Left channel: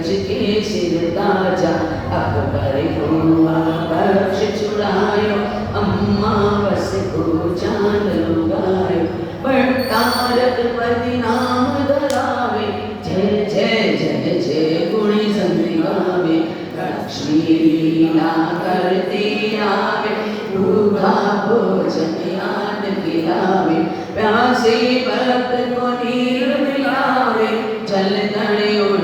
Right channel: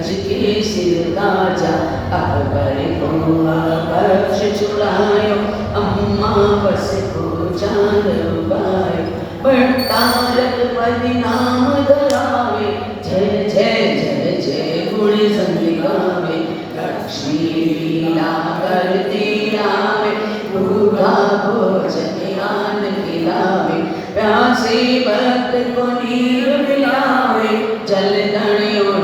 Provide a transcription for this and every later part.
गज के सिर ताजा अकबर को आदर्श चुरायो अम्मा बस को चांद उगायो भट्टारक पति नाम धरावे जय जय जय जय गुण संग गावे लक्ष्मी लीला करती आवे भूखा भोजन यान खिलावे प्यासे भक्त को नीर मिलावे जल तड़े उड़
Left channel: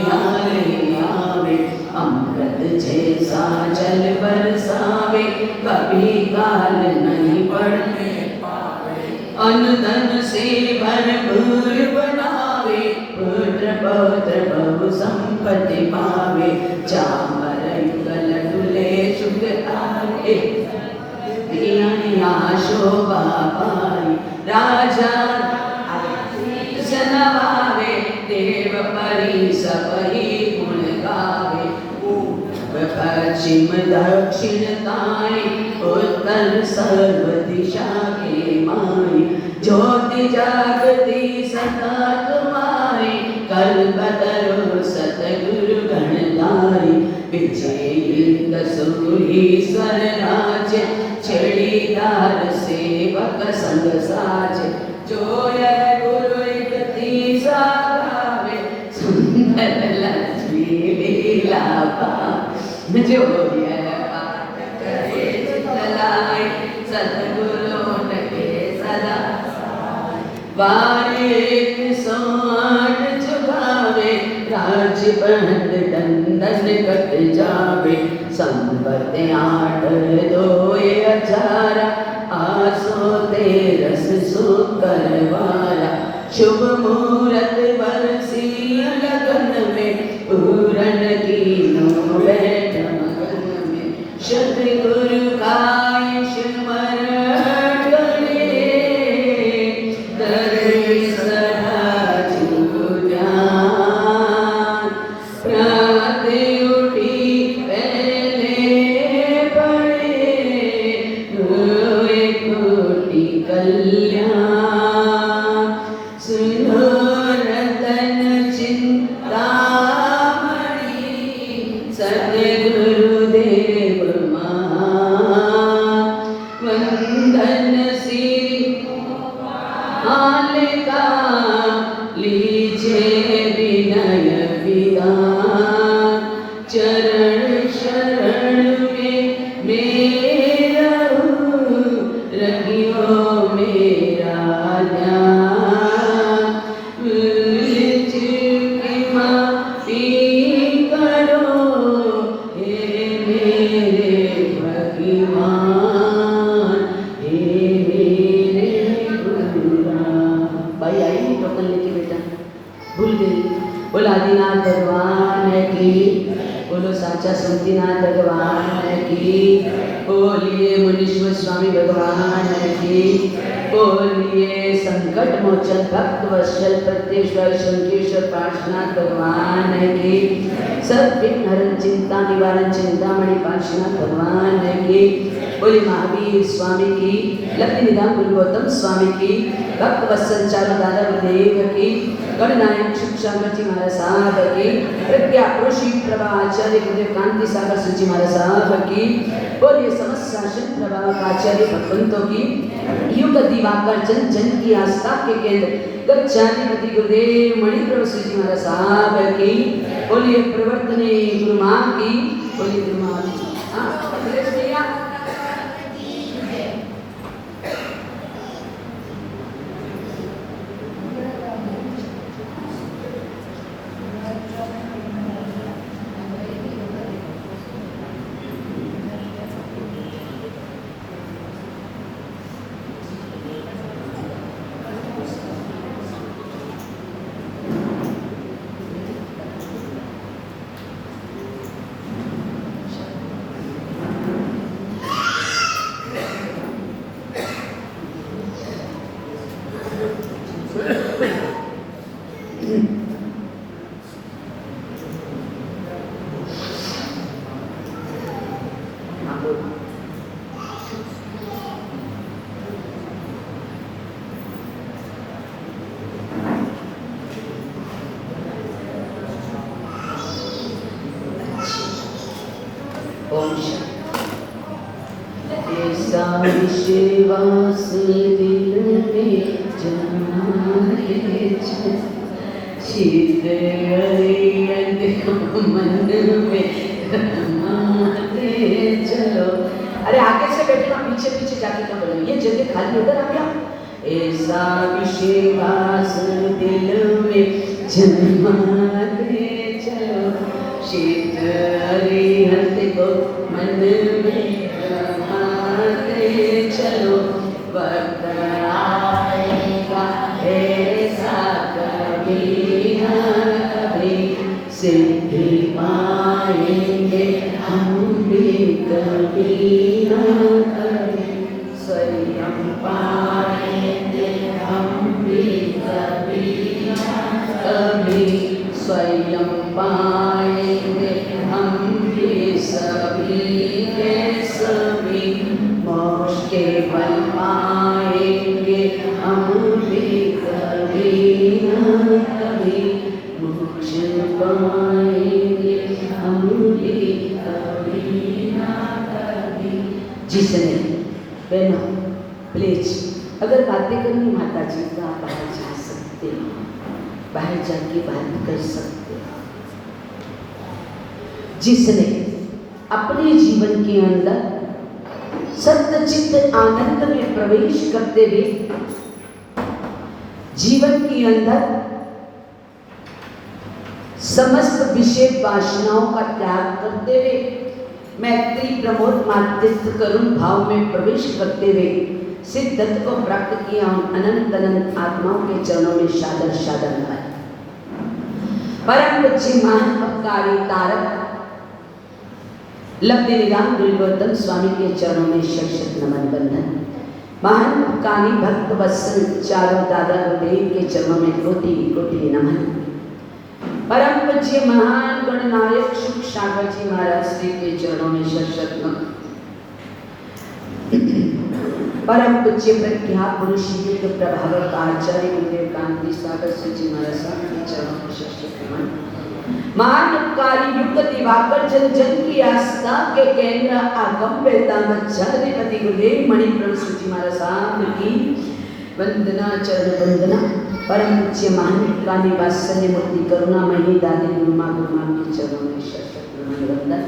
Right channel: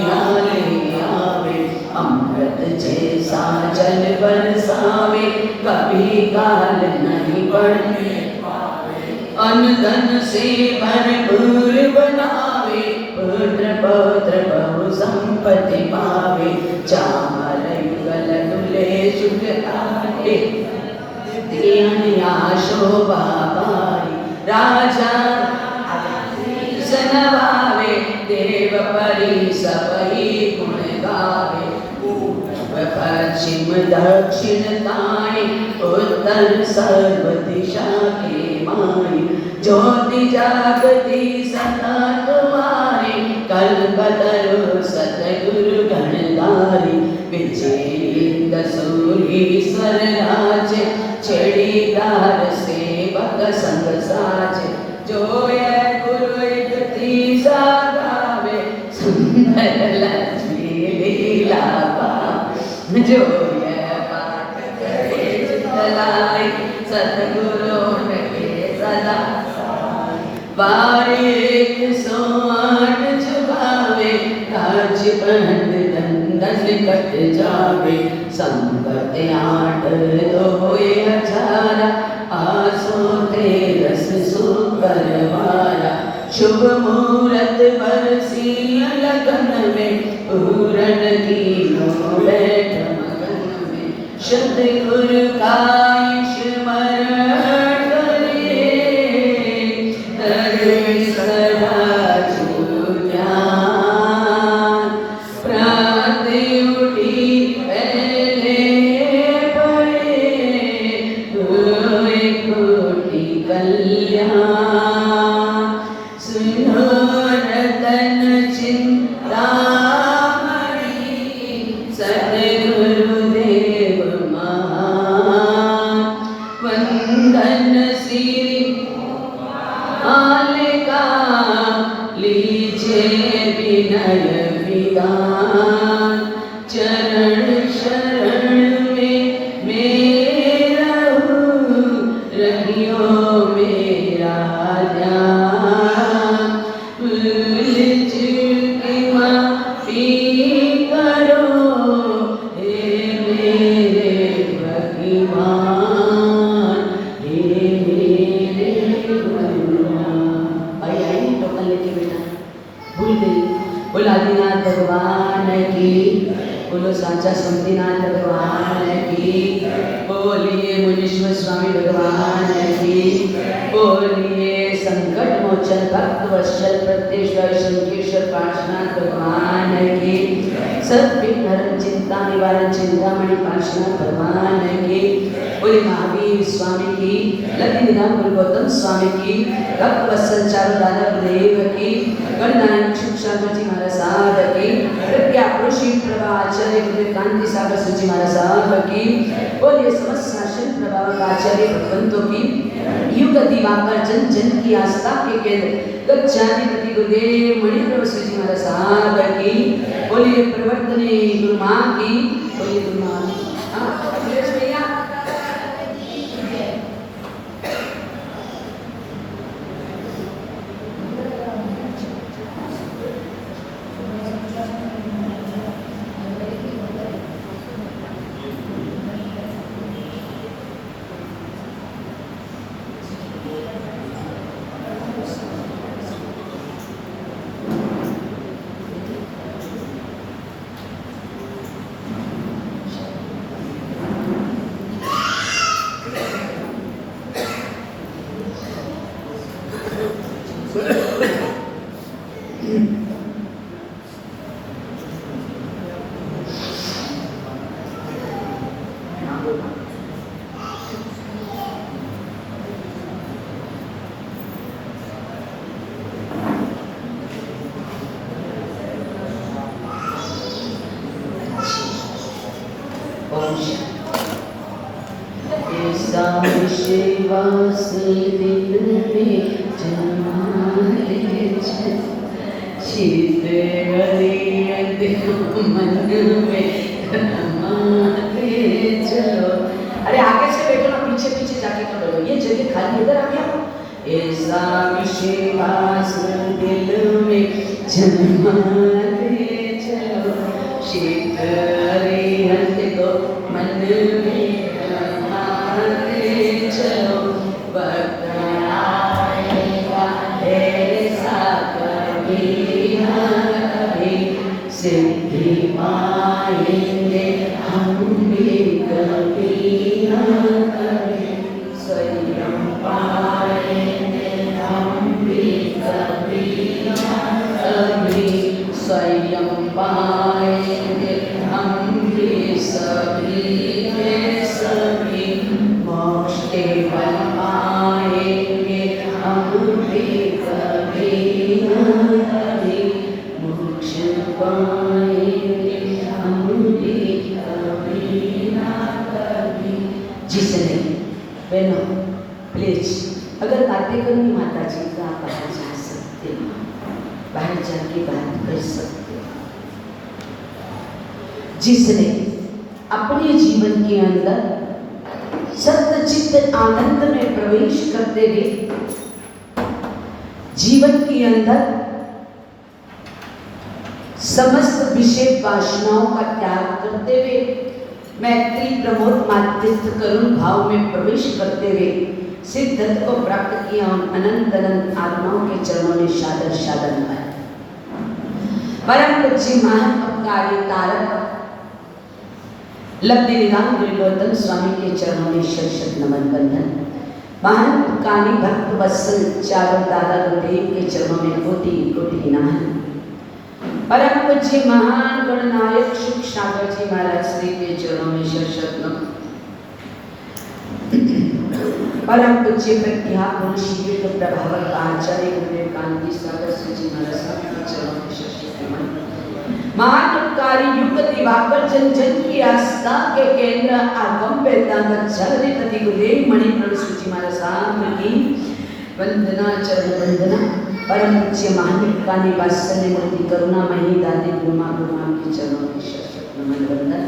आवे अमृत जैसा जल बरसावे कभी काल नहीं बढ़ने पावे अन्न धन से भरपूर बनावे पुत्र पौत्र बहु संपत्ति पावे चामर युगल दुले शुभ तारे शोभा पाई राजा नवावे देव परी सपई गुण गावे पश्चिम दक्षिण ताई उत्तर सर्व दिशा के माई ज्योति जागती सदा तुम्हारी कल्पतरु सतगुरु गणधारी विजयी दसूरीश्वर राज छड़ीदार सेवक संग साज जो ये गुरु इकती साधावे सुंदर लक्ष्मी लीला पावे जो ये पाठ करे चितलाए सतगुरु के सदा बारी 108 चुकावे राज बंद दंडन कट जावे संपत 8 दोए 18 आसो तेरस सुकर वारा शुभ मुहूर्त बरसी लगन में पूरन की बैठ मगन में शुद्ध गुरु का स्मरण करे धरे सदा ध्यान प्रातः उठी पहले पढ़े हुए कोटि कल्याण सुनो रतन चिंतामणि सद्गुरुदेव महान वंदन श्री मालिका लीजिए विनय विधान चरण शरण में मेरा रहियो मेरा ध्यान भूल चूक माफी करो हे मेरे भगवान हे मेरे भगवान। भाई आई टोकन लेके बेटा भूल गई। बोलो आदिनाथ भगवान की बोलो साचा शक्तिनाथ भगवान की बोलिए मुनीश्वर स्वामी भगवान की बोलिए संकट मोचन भक्त वत्सल प्रत्येश्वर शंकेश्वर पार्श्वनाथ भगवान की सद्विघ्न हरण चिंता निवारण चिंतामणि पार्श्वनाथ भगवान की बोलिए महावीर स्वामी की लक्ष्मी निधान गुरु गौतम स्वामी की भक्त वत्सल चारु दादा देव की गणनायक शिक्षा गति महाराज साहब की प्रज्ञा पुरुषी प्रभा आचार्य गुरु कांति सागर सची महाराज साहब की बोलिए समस्त शासन प्रभा आचार्य भगवंतों की युग दिवाकर जन जन की आस्था के केंद्र गच्छाधिपति गुरुदेव मणिप्रभु जी महाराज साहब की बोलिए प्रवर्तने गुरु मां की बोलिए गुरु मां की ओम शांति। ऐसा विश्वास दिल में जमाए शीत अरियत मन में रमाते चलो। अरे आगे से बैठो ना, पीछे पीछे जाके तो बोलो, ये जगह खाली इधर आ गया। ऐसा विश्वास दिल में जमाते चलो शीत अरियत को मन में रमाते चलो। वक्त आएगा ऐसा कभी ना कभी सिद्धि पाएंगे हम भी कभी ना कभी। स्वयं पाएंगे हम भी कभी ना कभी। स्वयं पाएंगे हम भी सभी के सभी। मोक्ष के फल पाएंगे हम भी कभी ना कभी। मोक्ष पाएंगे हम भी कभी ना कभी। जिसने बहनों प्लीज अगर बातें करनी माता जी का बाहर जा सकते हो, बाहर जाके बात कर सकते हो। जिसने अपने जीवन के अंदर सत्यचित्त आनंद में प्रवेश करते हुए जीवन के अंदर समस्त विषय वासनाओं का त्याग करते हुए मैत्री प्रमोद मातृत्व करुण भाव में प्रवेश करते हुए सिद्धत्व को प्राप्त किया और अनंत अनंत आत्माओं के चरणों में सादर सादर नमन। परम पूज्य महान उपकारी तारक लब्धि निदान गुरु गौतम स्वामी के चरणों में शत नमन बंदन। महान उपकारी भक्त वत्सल चारों दादा गुरुदेव के चरणों में कोटि कोटि नमन। परम पूज्य महान गणनायक शुभ सागर जी महाराज श्री के चरणों में शत नमन। परम पूज्य प्रज्ञा पुरुष प्रभाव आचार्य गुरुदेव कांति सागर जी महाराज के चरणों में शत नमन। महान उपकारी युग दिवाकर जन जन की आस्था के केंद्र आगम वेता मच्छाधिपति गुरुदेव मणि प्रभु जी महाराज की वंदना चरण वंदना। परम पूज्य महान उपकारी वात्सल्य मुक्ति करुणा मही दादी गुरुमा गुरुमा के चरणों में शत नमन वंदन।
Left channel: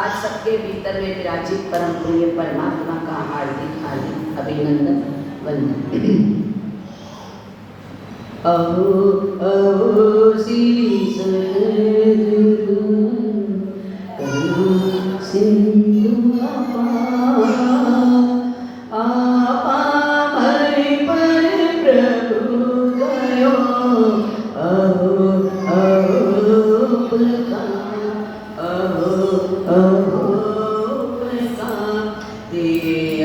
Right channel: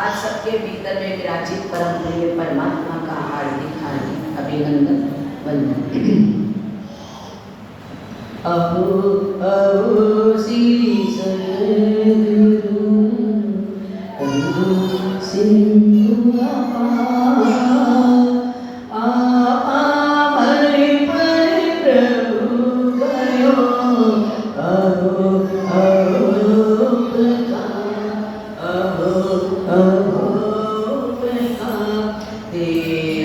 आज सबके भीतर में विराजित परम प्रिय परमात्मा का हार्दिक हार्दिक अभिनंदन वंदन। अहो अहो श्री सद्गुरु करुणा सिंधु आपा हरि पर प्रभु करो। अहो अहो अहो अहो ते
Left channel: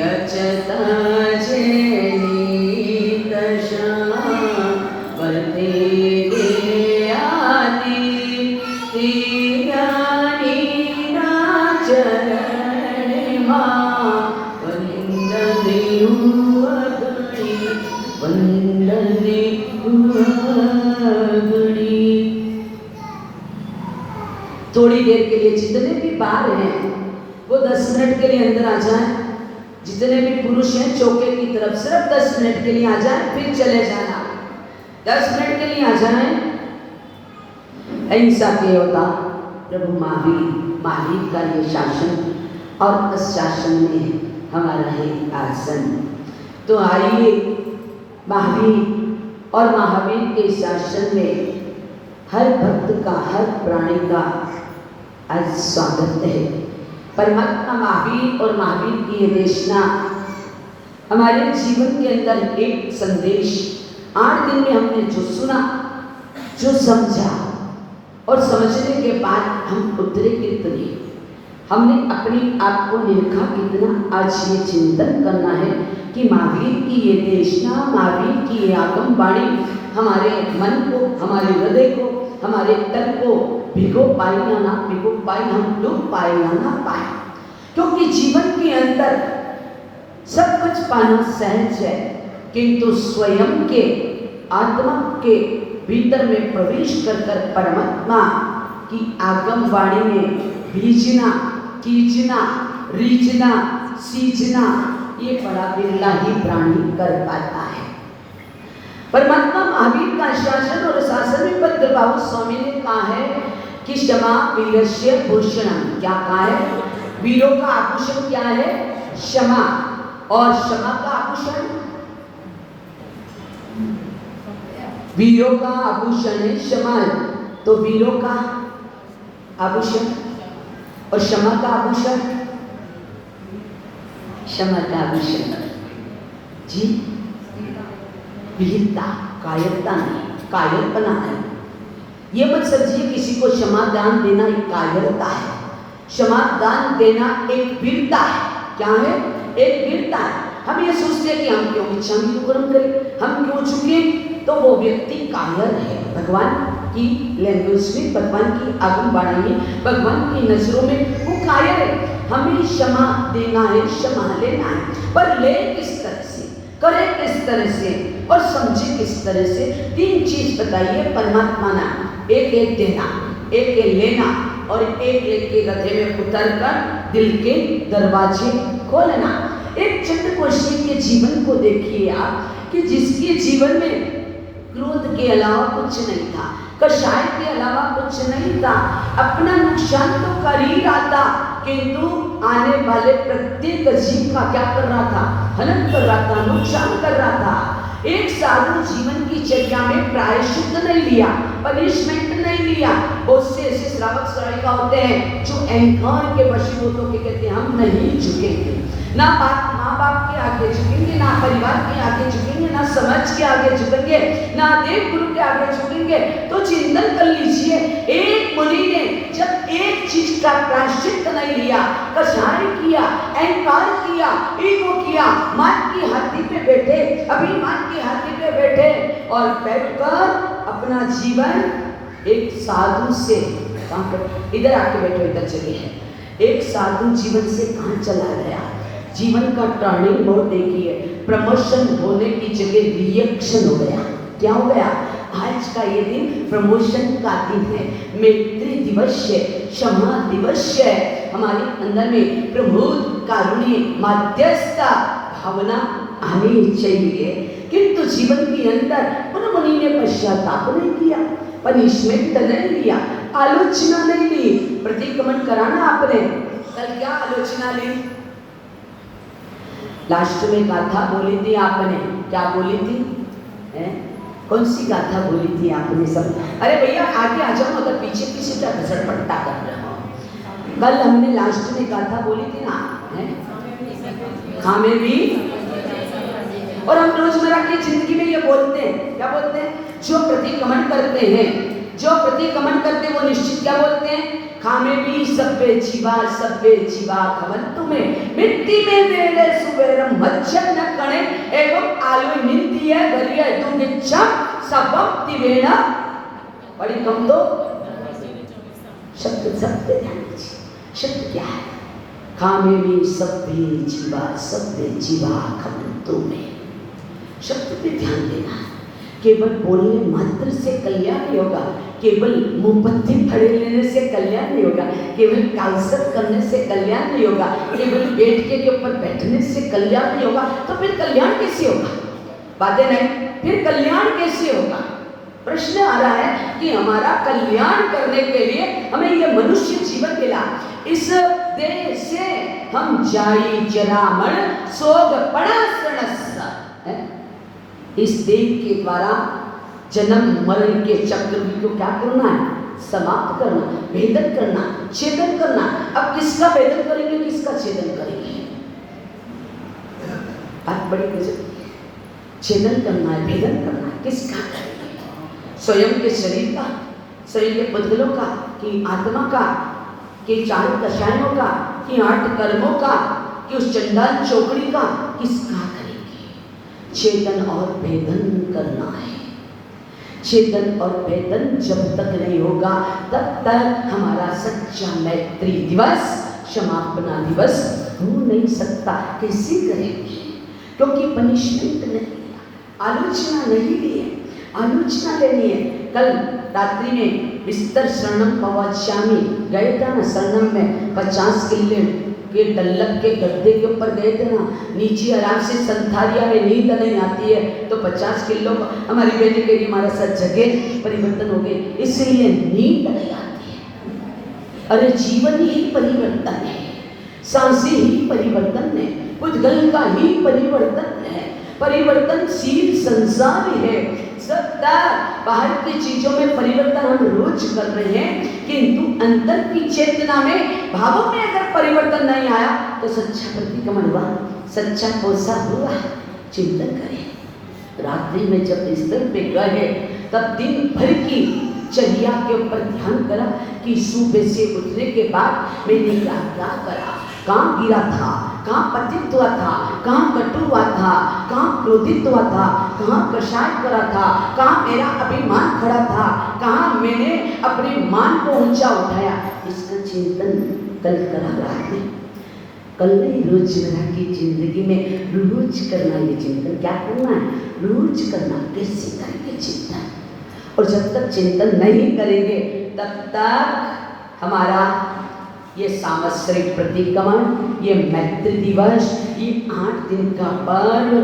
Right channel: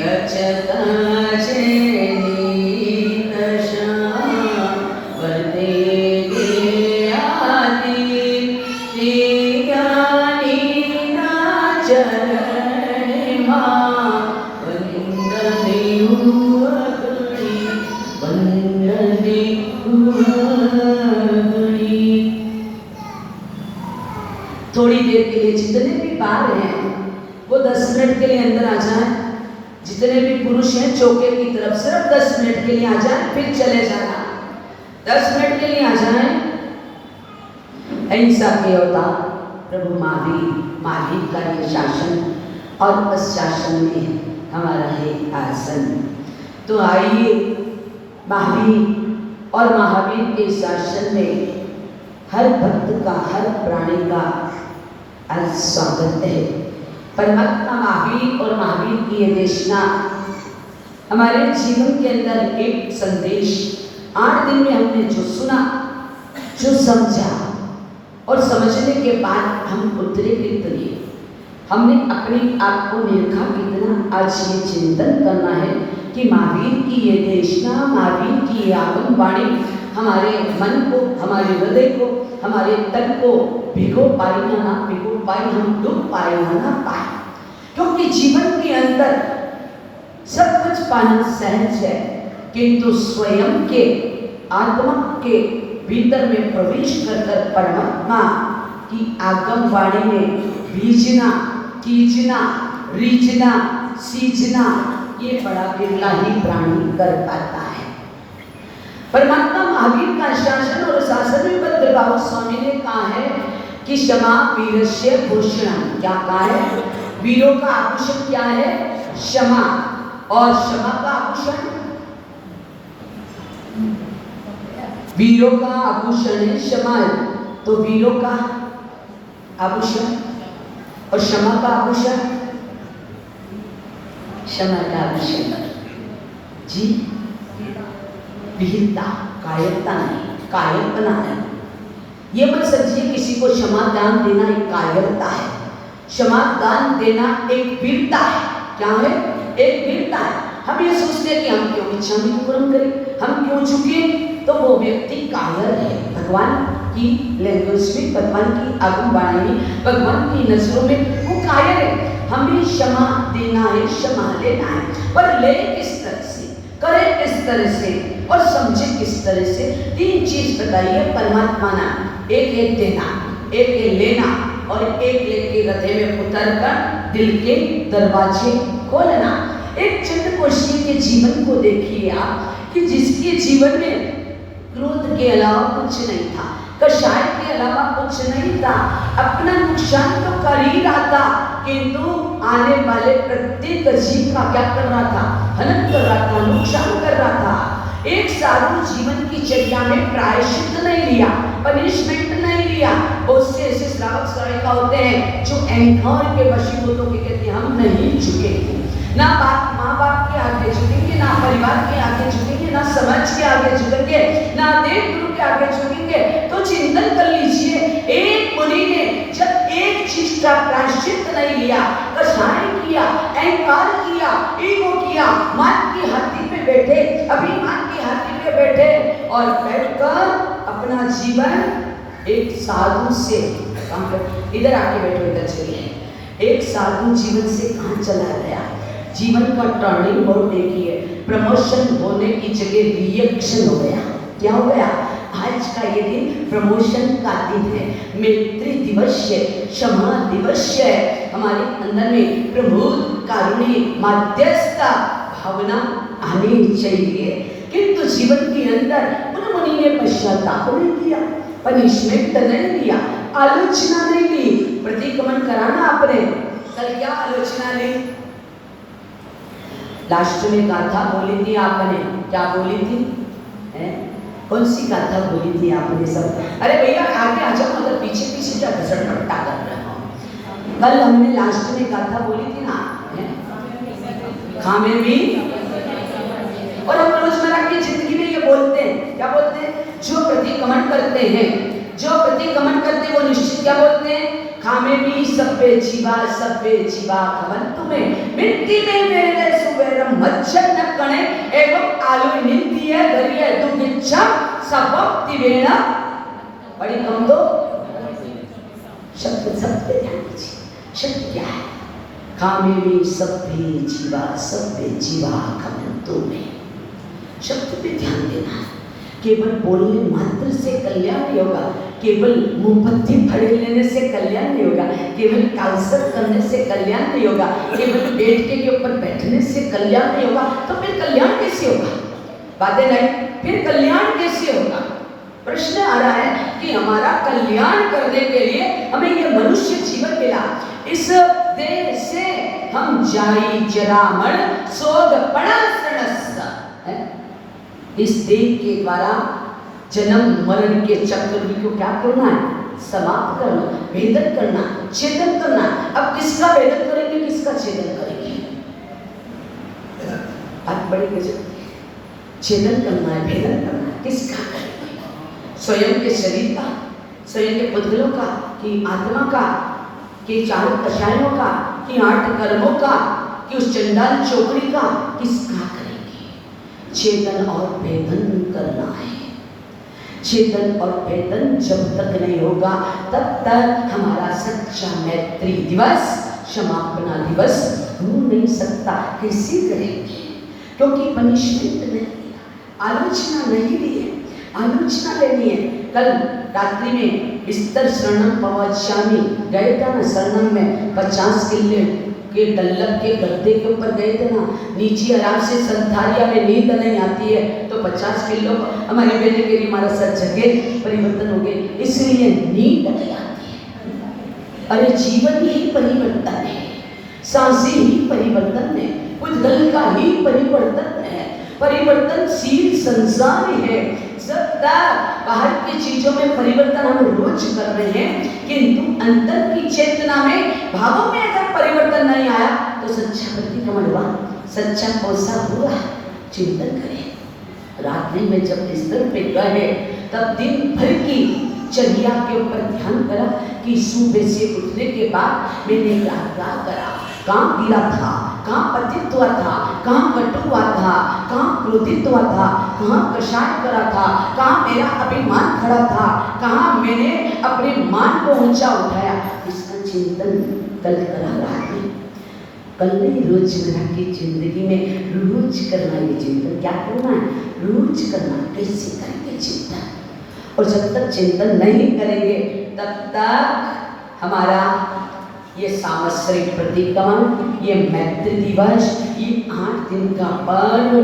अचत थोड़ी देर के लिए जितने भी बात हैं वो 10 मिनट के लिए अंदर आ जाए। जितने भी पुरुष हैं चौके की तरफ सिर्फ 10 मिनट के लिए आ जाए, फिर चले जाना। 10 मिनट के लिए आ जाए। अहिंसा के अवतार प्रभु महावीर का ये शासन और उस शासन में हमारा है आसन। तो आइए महावीर और महावीर के शासन में हर भक्त का हर प्राणी का आज स्वागत है। परमात्मा महावीर और महावीर की ये देशना हमारे जीवन के अंदर एक संदेश 8 दिन में हमने जो सुना, जो समझा और समझने के बाद हम उतरे कितने, हमने अपने आप को निरखा कितना। आज ये चिंतन करना है कि महावीर की ये देशना, महावीर की ये आगम वाणी हमारे मन को, हमारे हृदय को, हमारे तन को भिगो पाए या ना भिगो पाए, हम डूब पाए या ना पाए। क्योंकि जीवन के अंदर सब कुछ पाना सहज है, किंतु स्वयं के आत्मा के भीतर में प्रवेश कर परमात्मा की आगम वाणी में बीजना कीजना, रीझना, सींचना ये बड़ा बिरला ही प्राणी कर पाता है। परमात्मा महावीर का शासन और शासन में भद्रभाव स्वामी ने कहा है कि क्षमा वीरस्य भूषणम। क्या कहा है? वीरों का आभूषण क्या है? क्षमा। और क्षमा का आभूषण, वीरों का आभूषण है क्षमा। तो वीरों का आभूषण और क्षमा का आभूषण, क्षमा का आभूषण जी वीरता, कायरता नहीं, कायरपना है। ये मत समझिए किसी को क्षमा दान देना एक कायरता है। क्षमा दान देना एक वीरता है। क्या है? एक वीरता है। हम ये सोचते हैं कि हम क्यों क्षमा पूर्ण करें, हम क्यों झुके, तो वो व्यक्ति कायर है। भगवान की लैंग्वेज में, भगवान की आगम वाणी में, भगवान की नजरों में वो कायर है। हमें क्षमा देना है, क्षमा लेना है, पर ले किस तरह से, करे किस तरह से और समझे किस तरह से। तीन चीज बताइए परमात्मा ने, एक एक देना, एक एक लेना और एक लेके गधे में उतर कर दिल के दरवाजे खोलना। एक चंड पुरुषी के जीवन को देखिए आप कि जिसके जीवन में क्रोध के अलावा कुछ नहीं था, कषाय के अलावा कुछ नहीं था, अपना नुकसान तो कर ही रहा था, किंतु आने वाले प्रत्येक जीव का क्या कर रहा था? हनन कर रहा था, नुकसान कर रहा था। एक साधारण जीवन की चर्या में प्रायश्चित नहीं लिया, पनिशमेंट नहीं लिया। उससे ऐसे श्रावक श्राविका होते हैं जो अहंकार के वशीभूत होकर कहते हैं हम नहीं झुकेंगे, ना माँ बाप के आगे झुकेंगे, ना परिवार के आगे झुकेंगे, ना समाज के आगे झुकेंगे, ना देव गुरु के आगे झुकेंगे। तो चिंतन कर लीजिए, एक मुनि ने जब एक चीज का प्रायश्चित नहीं लिया, कषाय किया, अहंकार किया, ईगो किया, मान की हाथी पे बैठे, अभिमान की हाथी पे बैठे और बैठकर अपना जीवन एक साधु से, इधर आके बैठो, इधर चलिए, एक साधु जीवन से कहां चला गया। जीवन का टर्निंग मोड़ देखिए, प्रमोशन होने की जगह रिएक्शन हो गया। क्या हो गया? आज का ये दिन प्रमोशन का दिन है, मैत्री दिवस है, क्षमा दिवस है। हमारे अंदर में प्रभु कारुण्य मध्यस्थता भावना आनी चाहिए, किंतु जीवन के अंदर उन मुनि ने पश्चाताप नहीं किया, पनिशमेंट नहीं लिया, आलोचना नहीं ली। प्रतिक्रमण कराना आपने, कल क्या आलोचना ली? लास्ट में गाथा बोली थी आपने, क्या बोली थी? कौन सी गाथा बोली थी आपने सब? अरे भैया आगे आ जाओ, तो पीछे पीछे क्या घसड़पट्टा कर रहे हो। कल हमने लास्ट में गाथा बोली थी ना, खामे भी। और हम रोजमर्रा की जिंदगी में ये बोलते हैं, क्या बोलते हैं? जो प्रतिक्रमण करते हैं, जो प्रतिक्रमण करते हैं वो निश्चित क्या बोलते हैं? खामे भी सभ्य जीवा खवन तुम्हें मिट्टी में मेरे सुवेरम मच्छर न कणे एवं आलू निंदी है दरिया दुगिच्छा सबब तिवेना। बड़ी कम तो शब्द शब्द क्या है? खामे भी सभ्य जीवा खवन तुम्हें। शब्द पे ध्यान देना। केवल बोलने मात्र से कल्याण नहीं होगा, केवल मुंहबत्ती फड़े लेने से कल्याण नहीं होगा, केवल कालसर करने से कल्याण नहीं होगा, केवल बेड के ऊपर बैठने से कल्याण नहीं होगा। तो फिर कल्याण कैसे होगा? बातें नहीं, फिर कल्याण कैसे होगा? प्रश्न आ रहा है कि हमारा कल्याण करने के लिए हमें ये मनुष्य जीवन मिला, इस देह से हम जाई जरामण सोग पड़ा सणस, इस देह के द्वारा जन्म मरण के चक्र को क्या करना है? समाप्त करना, भेदन करना, छेदन करना। अब किसका भेदन करेंगे, किसका छेदन करेंगे? आप बड़े छेदन करना है, भेदन करना है, किसका करेंगे? स्वयं के शरीर का, स्वयं के पुतलों का, कि आत्मा का, कि चार कषायों का, कि 8 कर्मों का, कि उस चंडाल चौकड़ी का, किसका करेंगे? छेदन और भेदन करना है। छेदन और भेदन जब तक नहीं होगा तब तक हमारा सच्चा मैत्री दिवस, क्षमापना दिवस हो नहीं सकता। कैसे करेंगे? क्योंकि पनिशमेंट नहीं, आलोचना नहीं ली है, आलोचना लेनी है। कल रात्रि में बिस्तर शरणम पवच्यामि, गए थे ना शरणम में 50 किले के डल्लक के गद्दे के ऊपर गए थे ना, नीचे आराम से संथारिया में नींद नहीं आती है, तो 50 किलो हमारी बेटी के लिए हमारा सब जगह परिवर्तन हो गए, इसलिए नींद नहीं आती है। अरे जीवन ही परिवर्तन है, सांसें ही परिवर्तन है, उद्गल का ही परिवर्तन है, परिवर्तनशील संसार है। सत्ता बाहर की चीजों में परिवर्तन हम रोज कर रहे हैं, किंतु अंतर की चेतना में भावों में अगर परिवर्तन नहीं आया तो सच्चा प्रतिक्रमण हुआ, सच्चा कोसा हुआ। चिंतन करें। रात्रि में जब बिस्तर पे गए तब दिन भर की चर्या के ऊपर ध्यान करा कि सुबह से उठने के बाद मैंने क्या करा, कहाँ गिरा था, कहाँ पतित हुआ था, कहाँ कटु हुआ था, कहाँ क्रोधित हुआ था, कहाँ कषाय करा था, कहाँ मेरा अभिमान खड़ा था, कहाँ मैंने अपने मान को ऊंचा उठाया। इसका चिंतन कल करा रात में, कल नहीं, रोजमर्रा की जिंदगी में रोज करना ये चिंतन। क्या करना है? रोज करना। कैसे करेंगे चिंतन? और जब तक चिंतन नहीं करेंगे तब तक हमारा ये सामश्रिक प्रतिक्रमण, ये मैत्री दिवस, ये 8 दिन का पर्व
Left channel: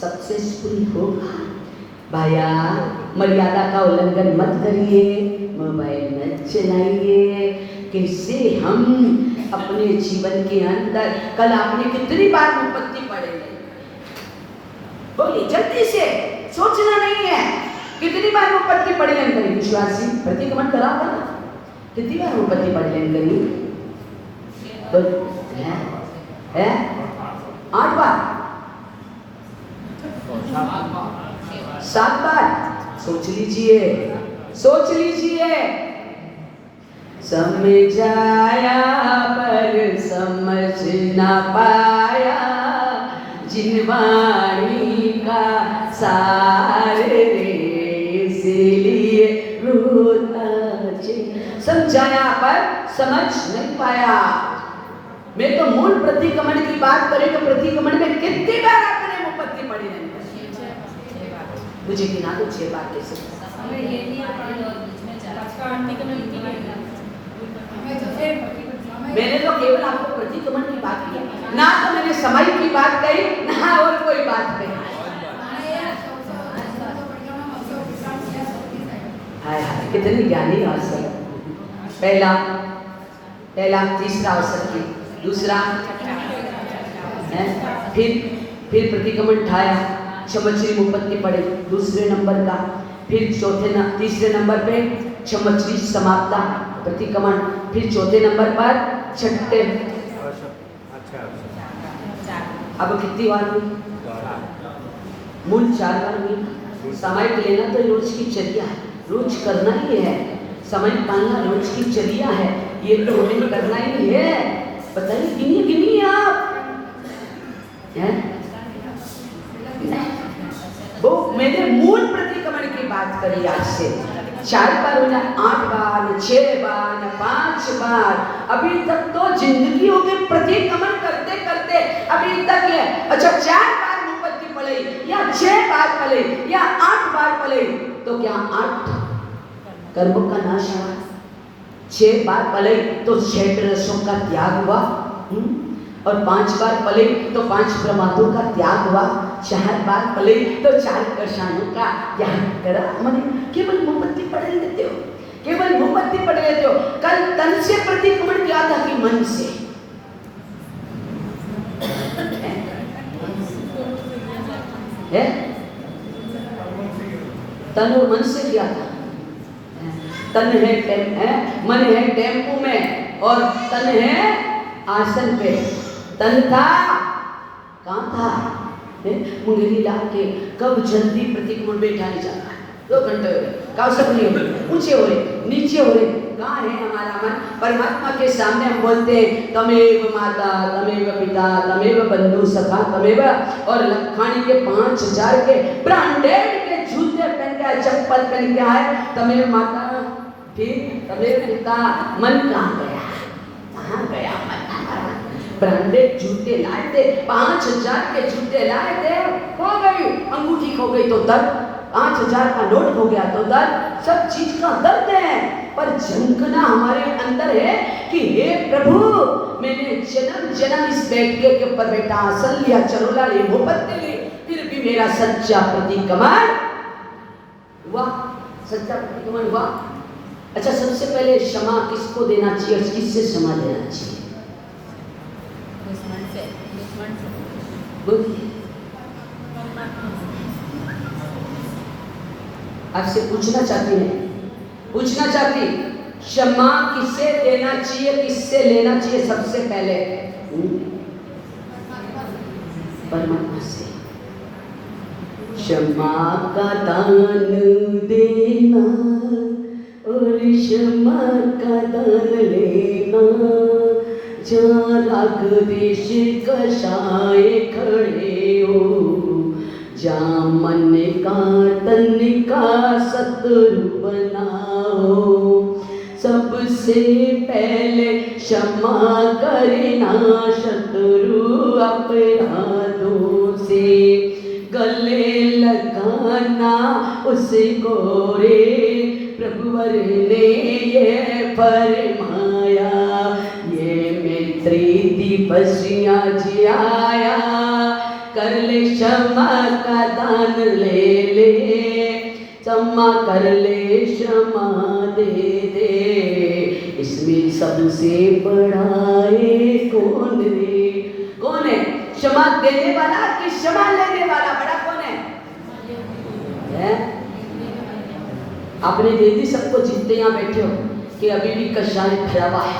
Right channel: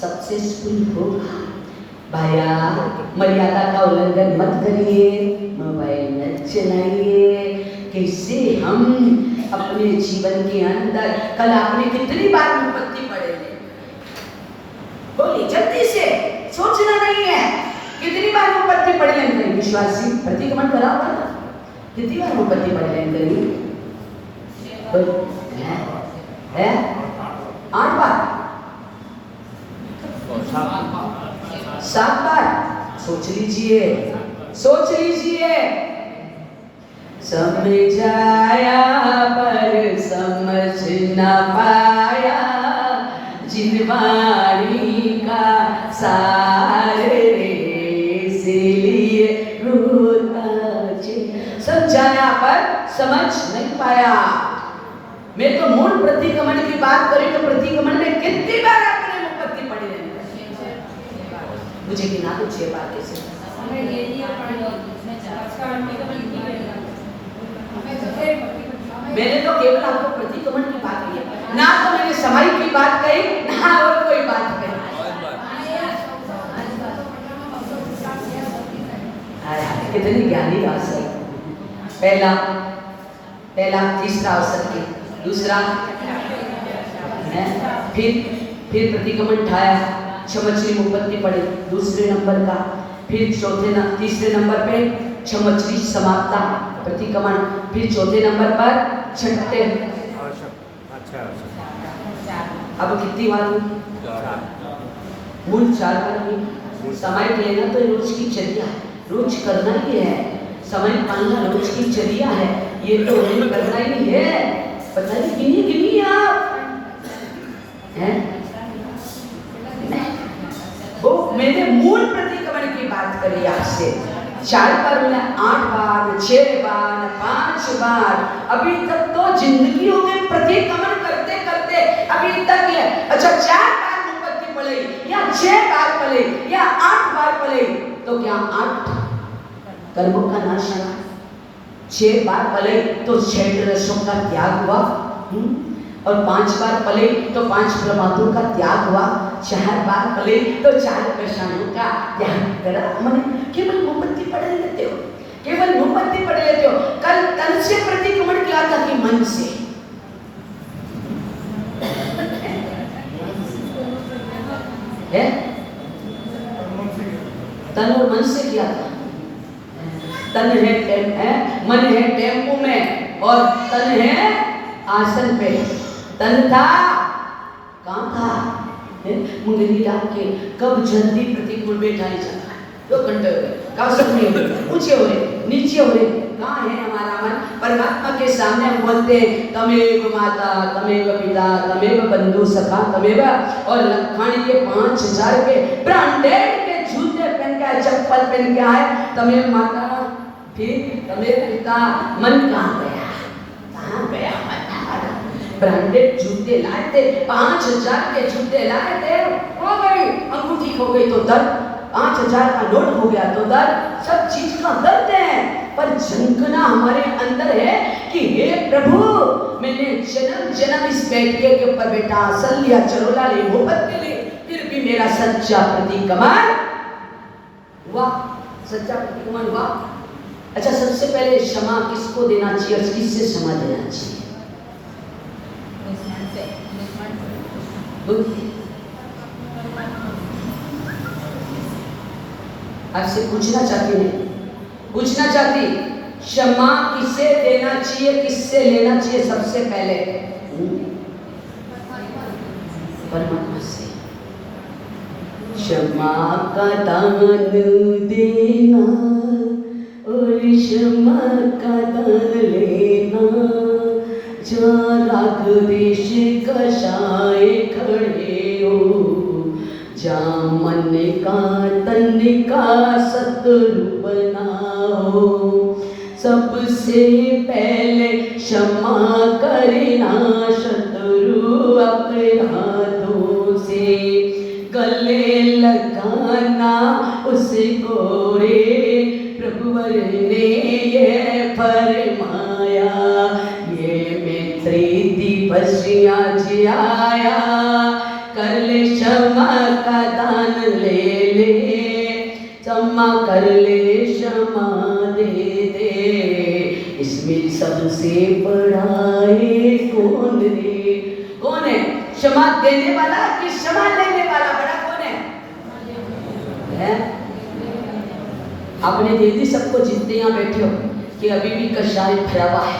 सक्सेसफुल होगा। भाया मर्यादा का उल्लंघन मत करिए, मोबाइल न चलाइए। कैसे हम अपने जीवन के अंदर, कल आपने कितनी बार विपत्ति पड़े, बोली जल्दी से, सोचना नहीं है, कितनी बार विपत्ति पड़े अंदर। विश्वासी प्रतिक्रमण करा था, कितनी बार विपत्ति पड़े अंदर है? 8 बार, 7 बार। सोच लीजिए, सोच लीजिए। समझाया पर समझ न पाया, जिनवाणी का सार रे, इसीलिए रोता। समझाया पर समझ नहीं पाया। मैं तो मूल प्रतिक्रमण की बात करें तो प्रतिक्रमण में कितनी बार आपने विपत्ति पड़ी है? मुझे गिना दो 6 बार। कैसे? मैंने तो केवल आपको प्रतिक्रमण की बात की, ना तो मैंने समय की बात कही, ना और कोई बात कही। कितनी ज्ञानी बात है। पहला तीसरा अवसर की, दूसरा फिर प्रतिक्रमण उठाया, क्षमश्री विपत्ति पड़े दूसरे नंबर का, फिर तीसरे नंबर पे क्षमश्री समाप्ता प्रतिक्रमण, फिर चौथे नंबर पर छठे। अब कितनी बार? मूल 4 बार। समय लेना तो रोज की चर्या है, रोज करना ही है। समय पालना रोज की चर्या है, ये तो नहीं करना ही है। बताइए, गिनी आप वो मैंने मूल प्रतिक्रमण की बात करी आपसे। 4 बार, 8 बार, 6 बार, 5 बार। अभी तक तो जिंदगी हो गई प्रतिक्रमण करते करते, अभी तक है। अच्छा, 4 बार विपत्ति पड़े या 6 बार पड़े या 8 बार पड़े, तो क्या 8 कर्मों का नाश हुआ? 6 बार पले तो 6 रसों का त्याग हुआ, और 5 बार पले तो 5 प्रमादों का त्याग हुआ, 4 बार पले तो 4 कषायों का त्याग करा। मैंने केवल मोमबत्ती पढ़े लेते हो, केवल मोमबत्ती पढ़े लेते हो। कल तन से प्रतिक्रमण किया था कि मन से? है तन और मन से किया था। तन है मन है टेम्पो में, और तन है आसन पे। तन था कहाँ था? मुंगली डाल के कब जल्दी प्रतिक्रमण बैठा नहीं जाता है। 2 घंटे हो गए, काउसक में ऊंचे हो रहे, नीचे हो रहे। कहाँ है हमारा मन? परमात्मा के सामने हम बोलते हैं तमेव माता, तमेव पिता, तमेव बंधु सखा, तमेव, और लखानी के 5000 के ब्रांडेड के जूते पहन के, चप्पल पहन के आए, तमेव माता, फिर तमेव पिता। मन कहाँ गया? कहाँ गया मन? ब्रांडेड जूते लाए थे, 5000 के जूते लाए थे, हो गई अंगूठी, हो गई तो दर्द, 5000 का नोट हो गया तो दर्द। सब चीज का दर्द है। पर झंखना हमारे अंदर है कि हे प्रभु, मैंने जन्म जन्म इस बैठके के ऊपर बैठा, आसन लिया, चरोला ली, मोमबत्ती ली, फिर भी मेरा सच्चा प्रतिक्रमण हुआ, सच्चा प्रतिक्रमण हुआ। अच्छा, सबसे पहले क्षमा किसको देना चाहिए और किससे क्षमा देना चाहिए? आपसे पूछना चाहती हूँ, पूछना चाहती, क्षमा किससे देना चाहिए, किससे लेना चाहिए? सबसे पहले परमात्मा से। क्षमा का दान देना और क्षमा का दान लेना, जहाँ राग देश कषाय खड़े हो, जहाँ मन का तन का शत्रु बनाओ, सबसे पहले क्षमा करना शत्रु अपराधों से, गले लगाना उसको रे, प्रभुवर ने ये फरमाया, ये मैत्री दिवसिया जियाया, कर ले क्षमा का दान ले ले, क्षमा कर ले, क्षमा दे दे, इसमें सबसे बढ़ाए कौन रे? कौन है? क्षमा देने वाला कि क्षमा लेने वाला? बड़ा कौन है? आपने देख दी सबको जितने यहाँ बैठे हो कि अभी भी कषाय भरा हुआ है।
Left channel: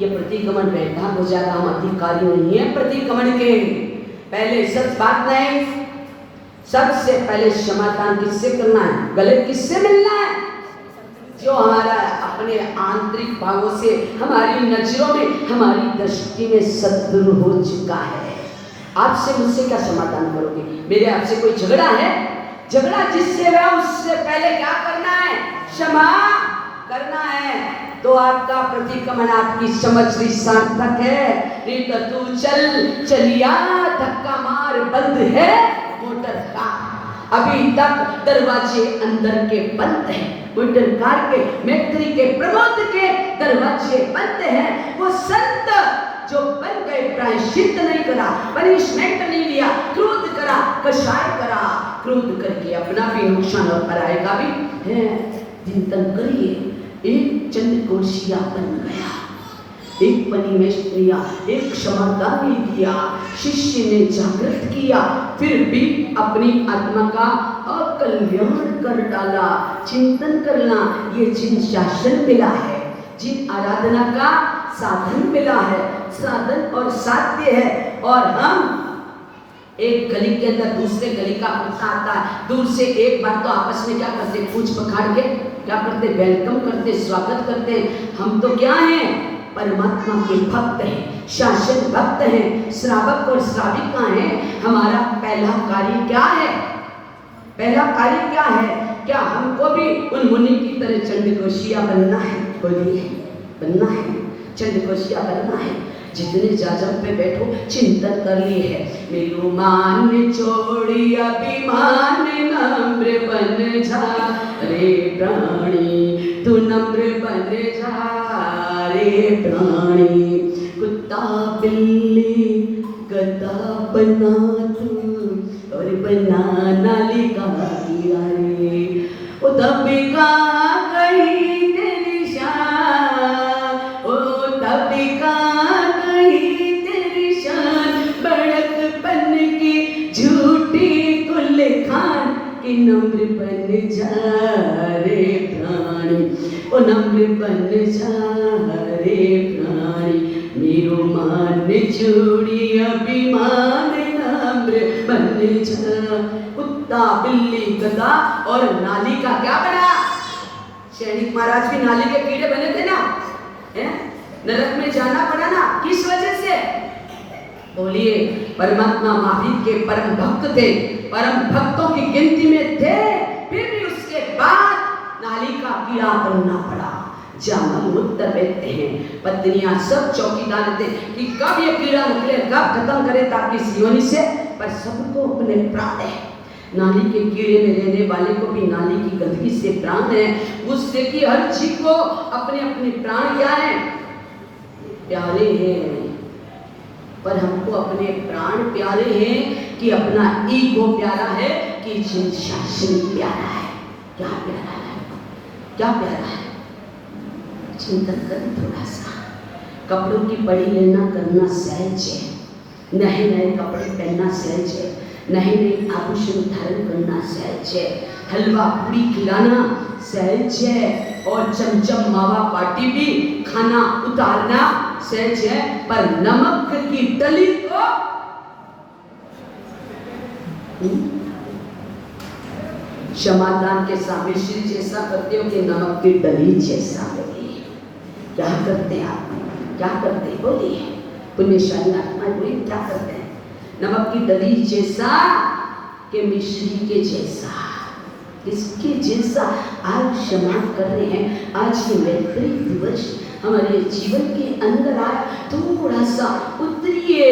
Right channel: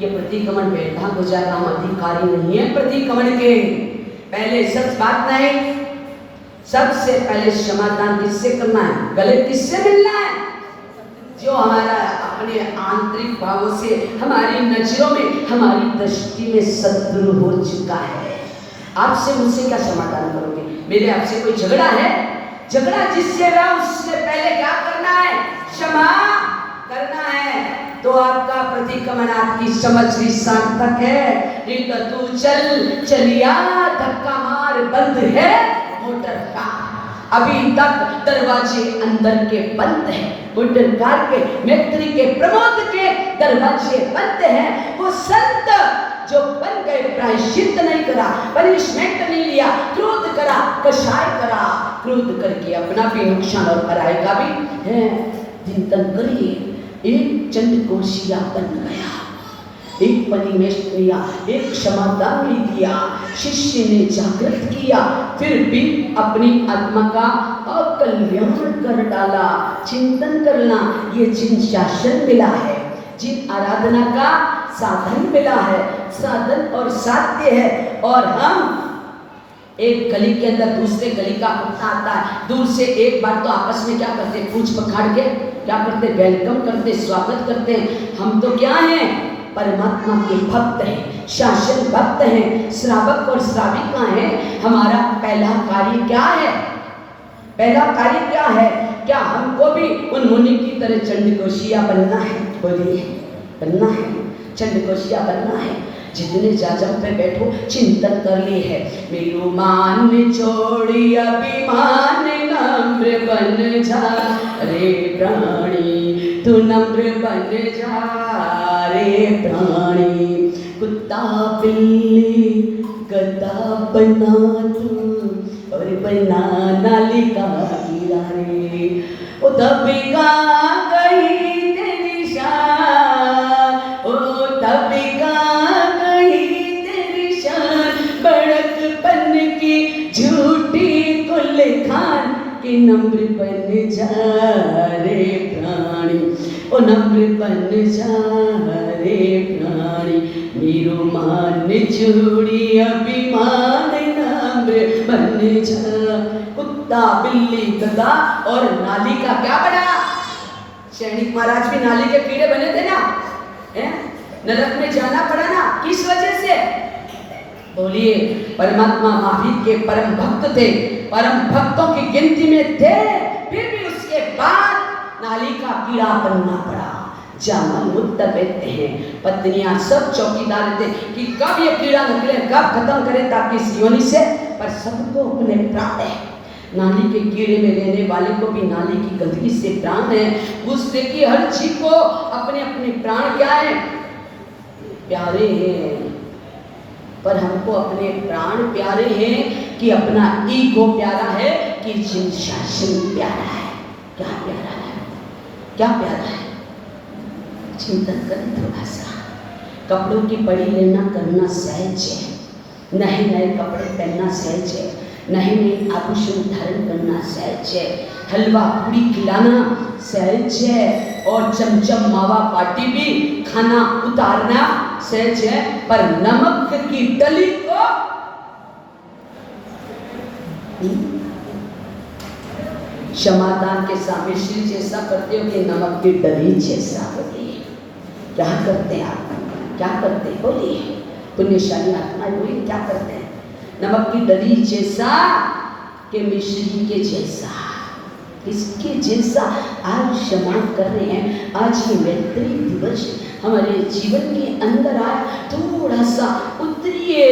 ये प्रतिक्रमण बैठा हो जाता, हम अधिकारी नहीं है प्रतिक्रमण के। पहले सच बात नहीं, सबसे पहले क्षमादान किससे करना है? गले किससे मिलना है? जो हमारा अपने आंतरिक भावों से, हमारी नजरों में, हमारी दृष्टि में शत्रु हो चुका है। आपसे मुझसे क्या समाधान करोगे? मेरे आपसे कोई झगड़ा है? झगड़ा जिससे हुआ उससे पहले क्या करना है? क्षमा करना है। तो आपका प्रतिक्रमण, आपकी समझ भी सार्थक है। नहीं तो तू चल चलिया, धक्का मार, बंद है मोटर का, अभी तक दरवाजे अंदर के बंद हैं, मोटर कार के, मैत्री के, प्रमोद के दरवाजे बंद हैं। वो संत जो बन गए, प्रायश्चित नहीं करा, पनिशमेंट नहीं लिया, क्रोध करा, कषाय करा, क्रोध करके अपना भी नुकसान और कराएगा भी है। चिंतन करिए, एक चंद्रकोशिया बन गया, एक पनिमेश लिया, एक क्षमादान दिया, शिष्य ने जागृत किया, फिर भी अपनी आत्मा का अकल्याण कर डाला। चिंतन करना, ये जिन शासन मिला है, जिन आराधना का साधन मिला है, साधन और साध्य है, और हम एक गली के अंदर दूसरे गली का कुत्ता आता है, दूर से एक बार तो आपस में क्या करते, पूछ पखाड़ के क्या करते, वेलकम करते, स्वागत करते हैं। हम तो क्या हैं? परमात्मा के भक्त हैं, शासन भक्त हैं, श्रावक और श्राविका हैं। हमारा पहला कार्य क्या है? पहला कार्य क्या है? क्या हमको भी उन मुनि की तरह चंडकोशिया बनना है? बोलिए, बनना है, चंडकोशिया बनना है। जितने जाजम पे बैठो चिंतन कर ली है, मेरू मान छोड़ी अभिमान, नम्र बन जा रे प्राणी, तू नम्र बन जा रे प्राणी। कुत्ता बिल्ली गधा बना तू, और बना नालिका कीड़ा रे, ओ दबिका कहीं तेरी शान, ओ दबिका कि नम्र बन जा रे प्राणी, ओ नम्र बन जा रे प्राणी। मेरो मान छोड़ी अभिमान, नम्र बन जा। कुत्ता बिल्ली गधा और नाली का क्या बना? सैनिक महाराज भी नाली के कीड़े बने थे ना, नरक में जाना पड़ा ना, किस वजह से? बोलिए, परमात्मा महावीर के परम भक्त थे, परम भक्तों की गिनती में थे, फिर भी उसके बाद नाली का कीड़ा बनना पड़ा। जामल उत्तर बैठते हैं, पत्नियां सब चौकीदार रहते कि कब ये कीड़ा निकले, कब खत्म करे ताकि इस योनि से, पर सबको अपने प्राण है, नाली के कीड़े में रहने वाले को भी नाली की गंदगी से प्राण है। उससे कि हर जीव को अपने अपने प्राण क्या है, प्यारे हैं। पर हमको अपने प्राण प्यारे हैं कि अपना ईगो प्यारा है कि जिन शासन प्यारा है? क्या प्यारा है, क्या प्यारा है? चिंतन करें थोड़ा सा। कपड़ों की पड़ी लेना करना सहज है, नए नए कपड़े पहनना सहज है, नए नए आभूषण धारण करना सहज है, हलवा पूरी खिलाना सहज है, और चमचम मावा पार्टी भी खाना उतारना सहज है। पर नमक की डली को क्षमादान के सामने श्री जैसा करते हो कि नमक की डली जैसा होती है? क्या करते हैं आप, क्या करते हैं? बोलिए पुण्यशाली आत्मा बोलिए, क्या करते हैं? नमक की डली जैसा कि मिश्री के जैसा, इसके जैसा आज क्षमा कर रहे हैं। आज ये मैत्री दिवस हमारे जीवन के अंदर आए, थोड़ा सा उतरिए।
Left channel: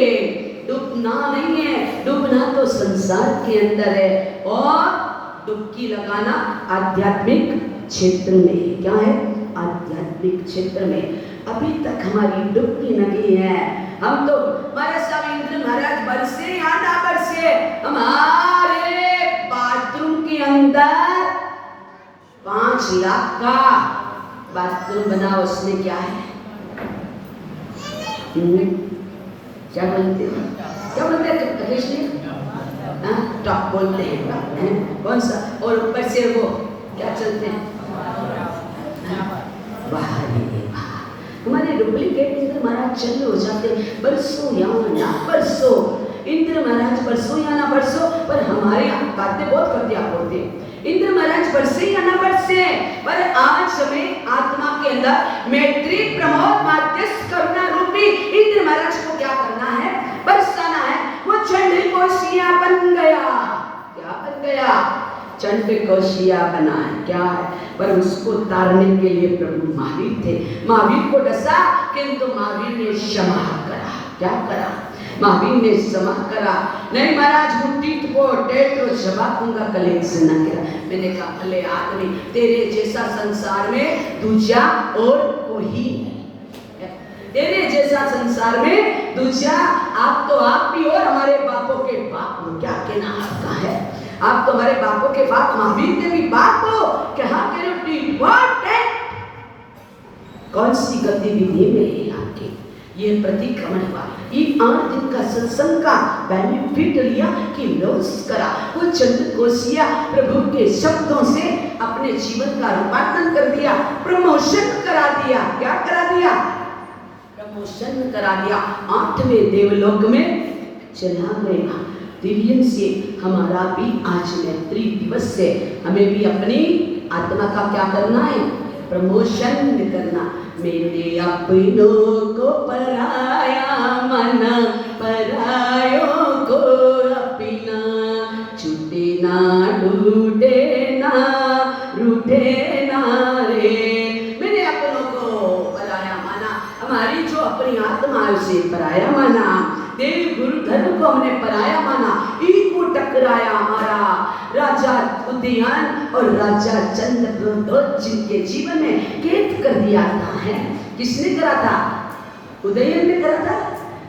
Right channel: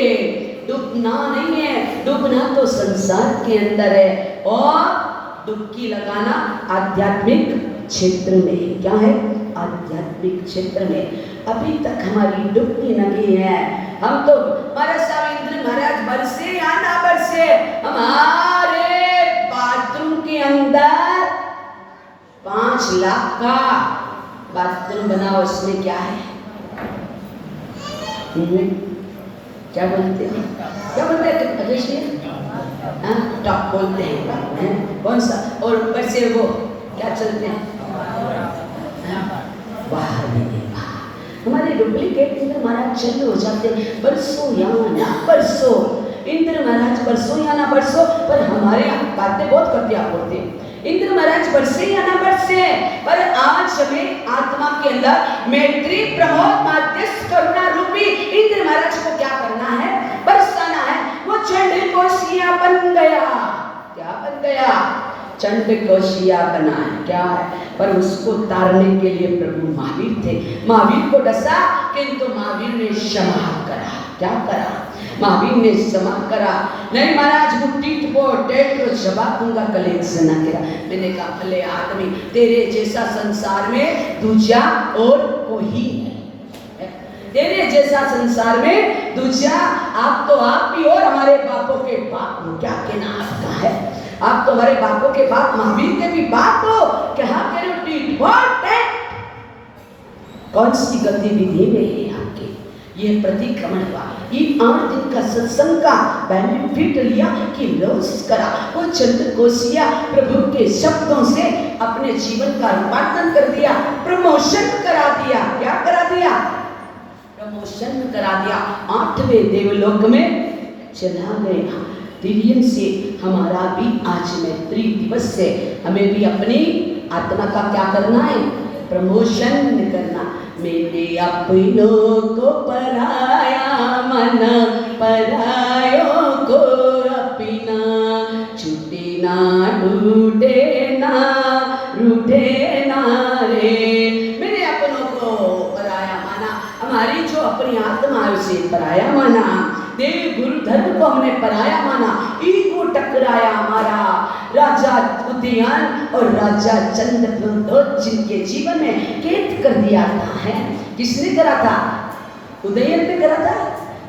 डूबना नहीं है, डूबना तो संसार के अंदर है, और डुबकी लगाना आध्यात्मिक क्षेत्र में। क्या है? आध्यात्मिक क्षेत्र में। अभी तक हमारी डुबकी लगी है। हम तो महाराज स्वामी महाराज बरसे या ना बरसे, हमारे बाथरूम के अंदर 5 लाख का बाथरूम बना, उसमें क्या है? क्या बोलते हैं, क्या बोलते हैं? टॉप बोलते हैं, कौन सा? और ऊपर से वो क्या चलते हैं? हमारे डुप्लीकेट इंद्र महाराज चल हो जाते बरसों या ना बरसों, इंद्र महाराज बरसों या ना बरसों, पर हमारे यहाँ बातें बहुत कटिया होते हैं। इंद्र महाराज बरसे या ना बरसे, पर आज हमें आत्मा के अंदर मैत्री प्रमोद माध्यस्थ करुणा रूपी इंद्र महाराज को क्या करना है? बरसाना है। वो चंड कोशिया बन गया। क्या बन गया? चंड कोशिया बना है। क्या है? पर उसको तारने के लिए प्रभु महावीर थे। महावीर को डसा, किंतु महावीर ने क्षमा करा। क्या करा? महावीर ने क्षमा करा। नहीं महाराज मुट्ठी को टेटो जवाब दूंगा कलेज से ना करा। मैंने कहा भले आदमी, तेरे जैसा संसार में दूजा और कोई नहीं, तेरे जैसा संसार में दूजा आप तो आप भी, और हमारे बापों के बाप हो। क्या कहना आपका है? आप तो हमारे बापों के बाप, महावीर के भी बाप हो। क्या करो? कौन सी गतिविधि में है आपके? ये प्रतिक्रमण हुआ। ये 8 दिन का सत्संग का बेनिफिट लिया कि लॉस करा। वो चंद कोशिया प्रभु के शब्दों से अपने जीवन का रूपांतरण कर दिया, प्रमोशन करा दिया। क्या करा दिया? प्रमोशन करा दिया। 8वें देवलोक में चला गया। दिव्यन से हमारा भी आज मैत्री दिवस से हमें भी अपनी आत्मा का क्या करना है? प्रमोशन करना। मेरे अपनों को पराया मन, परायों को अपना, छूटे ना टूटे ना रूठे ना रे। मेरे अपनों को पराया माना, हमारी जो अपनी आत्मा है उसे पराया माना, देव गुरु धर्म को हमने पराया माना, ईगो टकराया हमारा। राजा उदयन और राजा चंद्रप्रदोष जिनके जीवन में कैद कर दिया है। किसने करा था? उदयन ने करा था।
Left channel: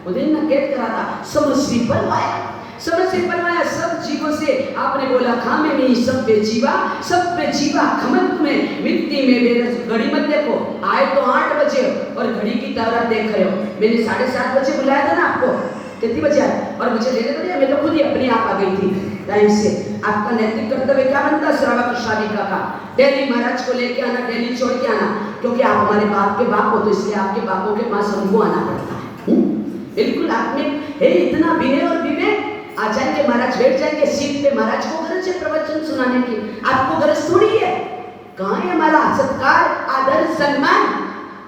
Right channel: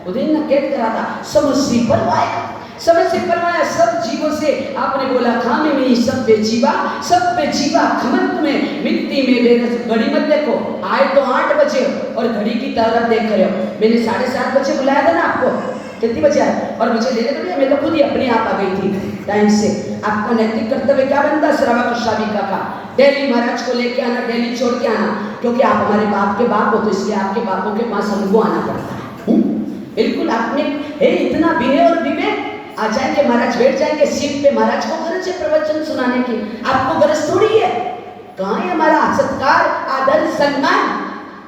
उदयन ने कैद करा था। समझ परवाया, समझ परवाया सब जीवों से। आपने बोला खामे में सब बेजीवा, सब बेजीवा खमत में मिट्टी में बेरस। घड़ी मत देखो, आए तो 8 बजे और घड़ी की तरफ देख रहे हो। मैंने 7:30 बजे बुलाया था ना आपको, कितनी बजे आए? और मुझे लेने तो मैं तो खुद ही अपने आप आ गई थी टाइम से। आपका नैतिक कर्तव्य क्या बनता? श्रवा कृष्णाविका का डेली महाराज को लेके आना, डेली छोड़ के आना, क्योंकि आप हमारे बाप के बाप हो, तो इसलिए आपके बापों के पास हमको आना पड़ता है। बिल्कुल आप में है इतना विनय और विवेक। आ जाएंगे महाराज, बैठ जाएंगे सीट पे। महाराज को गरज है प्रवचन सुनाने की, आपको गरज थोड़ी है। कहाँ है हमारा सत्कार, आदर, सम्मान?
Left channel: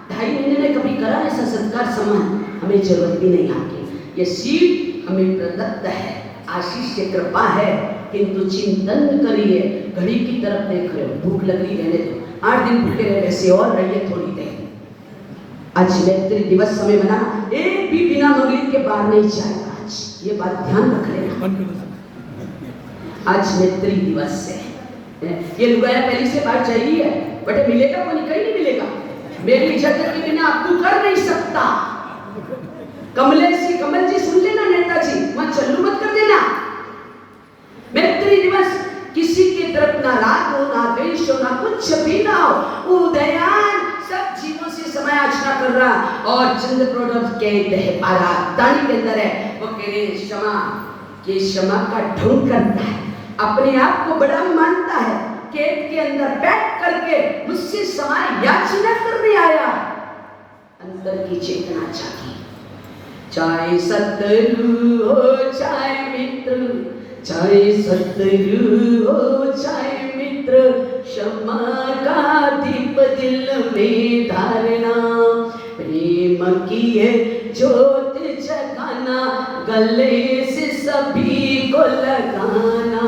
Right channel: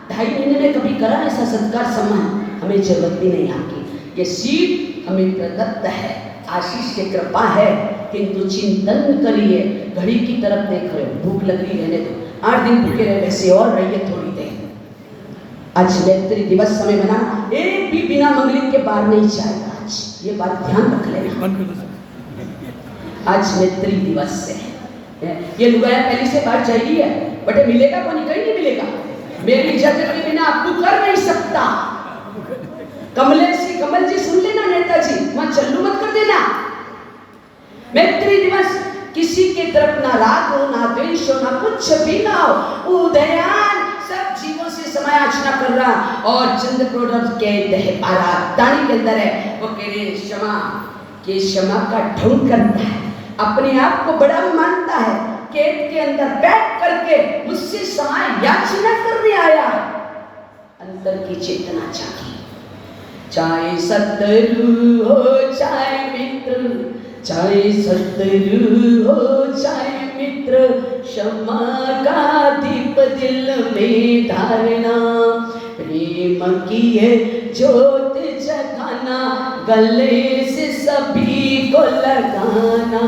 2.5 महीने में कभी करा ऐसा सत्कार सम्मान? हमें जरूरत भी नहीं आपकी। ये सीट हमें प्रदत्त है, आशीष से कृपा है, किंतु चिंतन करिए। घड़ी की तरफ देख रहे हो, भूख लग रही रहने दो। 8 दिन भूखे रहे वैसे और रहिए थोड़ी देर। आज मैत्री दिवस समय बना, एक भी बिना मंगलित के बाहर नहीं जाएगा। आज ये बात ध्यान रख लेना। आज मैत्री दिवस है। ये लुगाया पहली से बाहर चाहिए है, बटे मिलेगा को नहीं, कहीं नहीं मिलेगा। मेरी जगह के बिना अब तू कर नहीं सकता। कमलेश जी, कमल जी सुन लेना, नेताजी मत चल्लू मत कर देना। मैत्री दिवस, किसी के तरफ ना राग हो, ना द्वेष हो, ना कुछ भी ना हो। उदयान सब जीवों से समायाचना कर रहा। और चंद्र प्रोडक्ट कहते हैं दानी के अंदर है, वो कह रहे क्षमा के क्षमा का ढोंग करता है, अपने आप को बड़ा मानता है, केट के अंदर बैठ करके मुझसे समाय याचना करने आया। अंतर की चेतना चाहिए। चाहे शत्रु हो चाहे मित्र, चाहे शत्रु हो चाहे मित्र, क्षमा का दीप दिल में धारना, प्रेम की है ज्योत जगाना, गले से सभी को लगाना,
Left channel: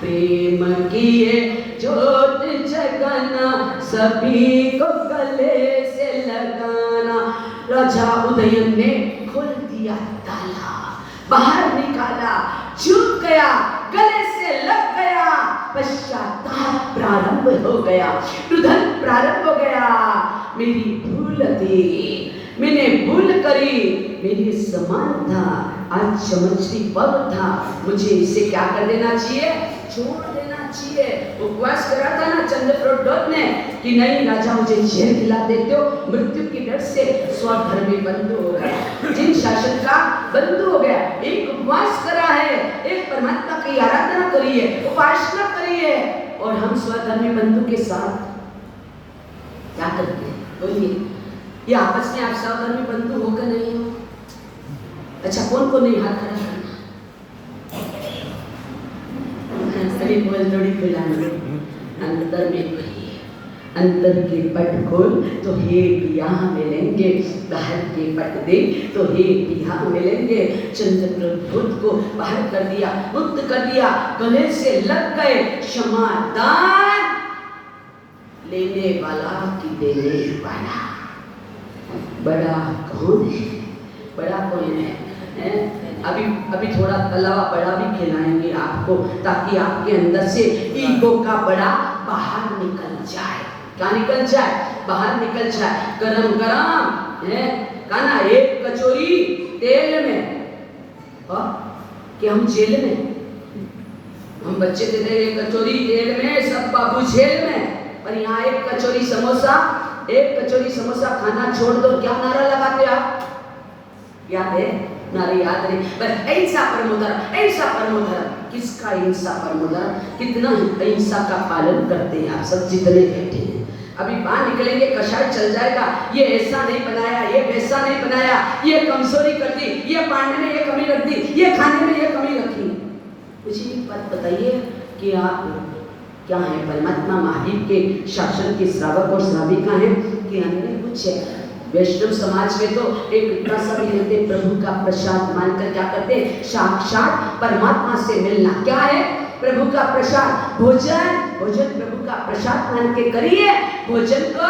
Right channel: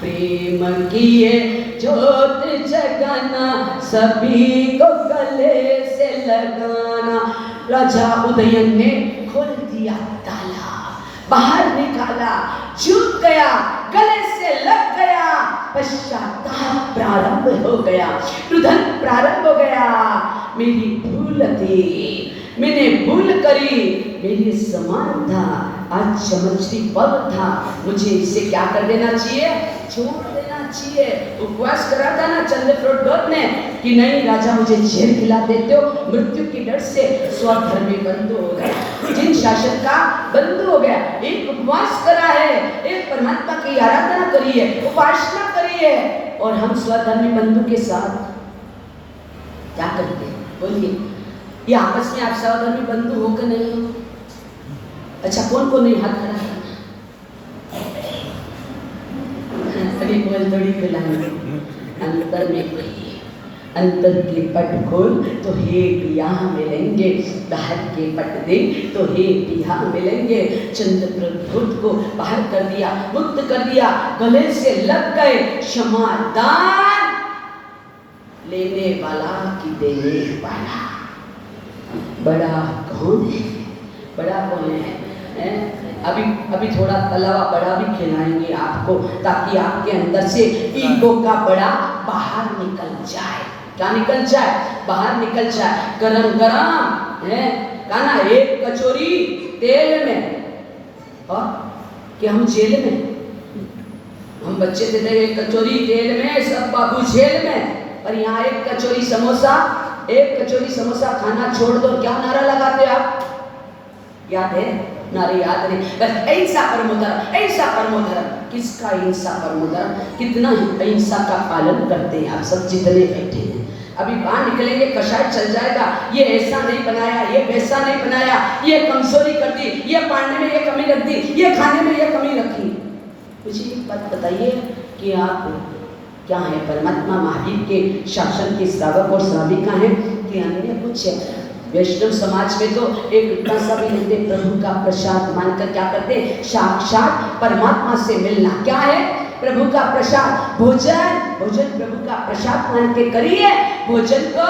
प्रेम की है ज्योत जगाना, सभी को गले से लगाना। राजा उदयन ने खोल दिया ताला, बाहर निकाला, झुक गया, गले से लग गया, पश्चाताप प्रारंभ हो गया, रुदन प्रारंभ हो गया। मेरी भूल थी, मैंने भूल करी, मेरी समान था, आज चमचरी पग था, मुझे इसे क्या कर देना चाहिए, छोड़ देना चाहिए। उपवास करा था ना चंद्रप्रभु ने कि नहीं राजा मुझे जेल खिला देते हो, मृत्यु की डर से स्वधर्मी बंद हो गया, जिन शासन का बंद हो गया। एक उपवास करा है, एक परमात्मा की आराधना करी है, उपासना करी है, और हम स्वधर्मी बंधु के साथ क्या करते हैं बोलिए? ये आपस में आप स्वधर्मी बंधु हो कि नहीं हो? अच्छा कौन को नहीं हाथ खड़ा करना? सभी बोल थोड़ी खिलाएंगे। अंतर में कोई अंतर के पट खोल तो हे पिया मिलेंगे, बाहर के पट दे तो हे पिया मिलेंगे। चंद्रप्रभु को बाहर कर दिया, मुक्त कर दिया, गले से लग गए। क्षमा दान लेने वाला कि देने वाला, बड़ा कौन है? बड़ा कौन है? अभी थोड़ा तलावा बड़ा भी खिलाएंगे आपको, ताकि आपके अंदर से ईगो का बड़ा बाहर निकल जाए। क्या निकल जाए? बाहर निकल जाए। गरम गरम है खाना, एक कचौरी तेल में, कि हम जेल में, हम बच्चे थे एक कचौरी तेल में, सब बाबू जेल में, पर यहाँ एक कचौरी समोसा, एक कचौरी समोसा खाना छोड़ दो। क्या नारा लगाते आप? याद है? नारे याद नहीं, बस अहिंसा परमो धर्म, अहिंसा परमो धर्म। किसका अहिंसा परमो धर्म? कितना ही अहिंसा का पालन करते हैं आप सब जितने बैठे हैं। अभी बाहर निकलेंगे कषाय चल जाएगा, ये ऐसा नहीं बनाया, ये वैसा नहीं बनाया, ये कमजोरी कर दी, ये पानी में ये कमी रख दी, ये खाने में ये कमी रखी। मुझे एक बात बताइए कि आप क्या है? परमात्मा महावीर के शासन के श्रावक और श्राविका हैं कि अन्य कुछ है? वैष्णव समाज में तो एक पैसा भी लेते, प्रभु का प्रसाद मानकर क्या करते? साक्षात परमात्मा से मिलना। क्या है? प्रभु का प्रसाद, भोजन। भोजन प्रभु का प्रसाद मान के करिए। भोजन को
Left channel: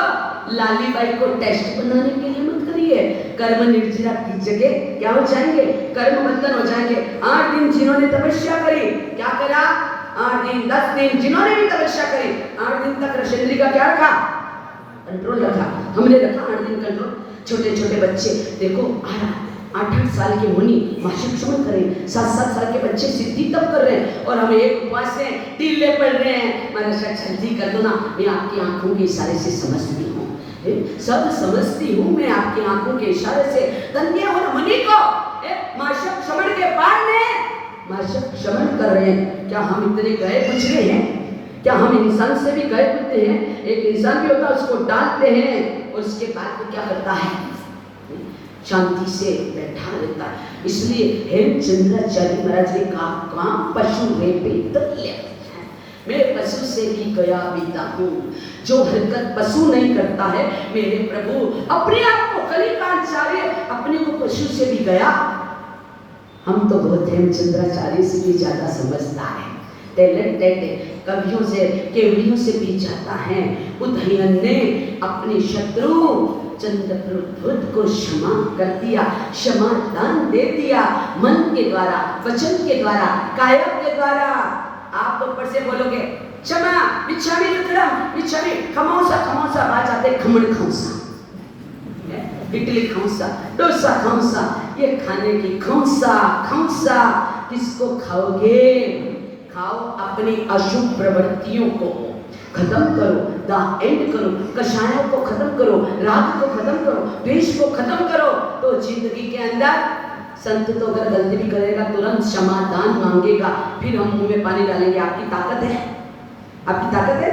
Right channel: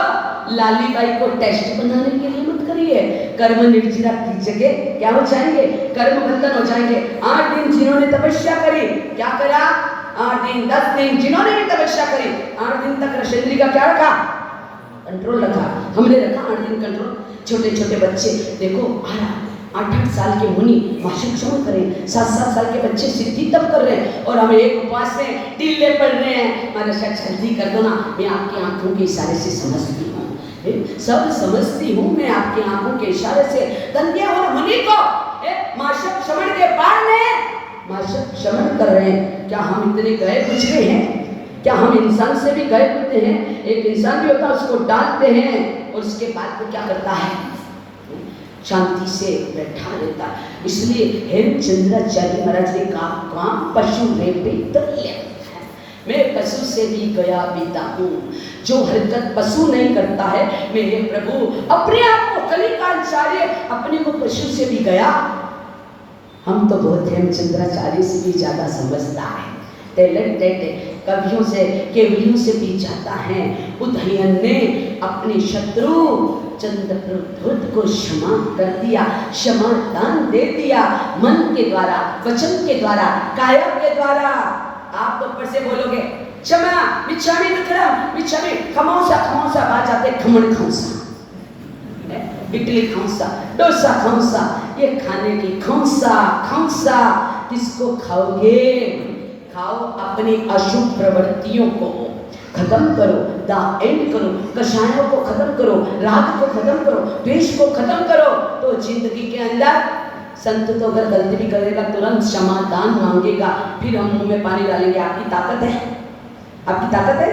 लाली बाई को टेस्ट बनाने के लिए मत करिए। कर्म निर्जरा की जगह क्या हो जाएंगे? कर्म बंधन हो जाएंगे। 8 दिन जिन्होंने तपस्या करी, क्या करा? 8 दिन 10 दिन जिन्होंने भी तपस्या करी, 8 दिन तक रशेंद्री का क्या रखा? कंट्रोल रखा। हमने रखा 8 दिन कंट्रोल। छोटे छोटे बच्चे देखो, 8-8 साल के मुनि मासिक श्रवण करें, 7-7 साल के बच्चे सिद्धि तप कर रहे हैं, और हम एक उपवास से ढीले पड़ रहे हैं। महाराज जल्दी कर दो ना, मैं आपकी आंखों के इशारे से समझती हूँ, सब समझती हूँ मैं आपकी आंखों के इशारे से। धन्य और मुनि को मासिक श्रवण के बाद में मासिक श्रवण कर रहे हैं। क्या हम इतने गए गुजरे हैं? क्या हम इंसान से भी गए गुजरे हैं? एक इंसान भी होता है, उसको डांटते हैं और उसके बाद वो क्या करता है? शांति से बैठा रहता है। इसलिए हेमचंद्राचार्य महाराज ने कहा, काम पशु रे पितल्य, मैं पशु से भी गया बीता हूँ। जो हरकत पशु नहीं करता है, मेरे प्रभु अपने आप को कलिकाचार्य अपने को पशु से भी गया। हम तो बहुत हेमचंद्राचार्य से भी ज्यादा समझदार है, टैलेंटेड है, कवियों से केवलियों से भी जाता है। उदयन ने अपने शत्रु चंद्रप्रभुत को क्षमा कर दिया, क्षमा दान दे दिया, मन के द्वारा, वचन के द्वारा, काया के द्वारा। आप ऊपर से बोलोगे क्षमा मिच्छामि दुक्कडम मिच्छामि खमौसा बात आते खमण खौसा, इडली खौसा, डोसा खौसा, ये खाने की खौसा किसको खाओगे? खाओ अपनी अशुभ प्रवृत्तियों को खत्म करो, दा एंड करो, कषायों को खत्म करो, राग को खत्म करो, द्वेष को खत्म करो। तो जिंदगी के अंदर संत तो अगर गलती भी करेगा तुरंत क्षमादान मांगेगा, फिर हम मुंह में पानी डालेंगे। आपकी ताकत है, आपकी ताकत है,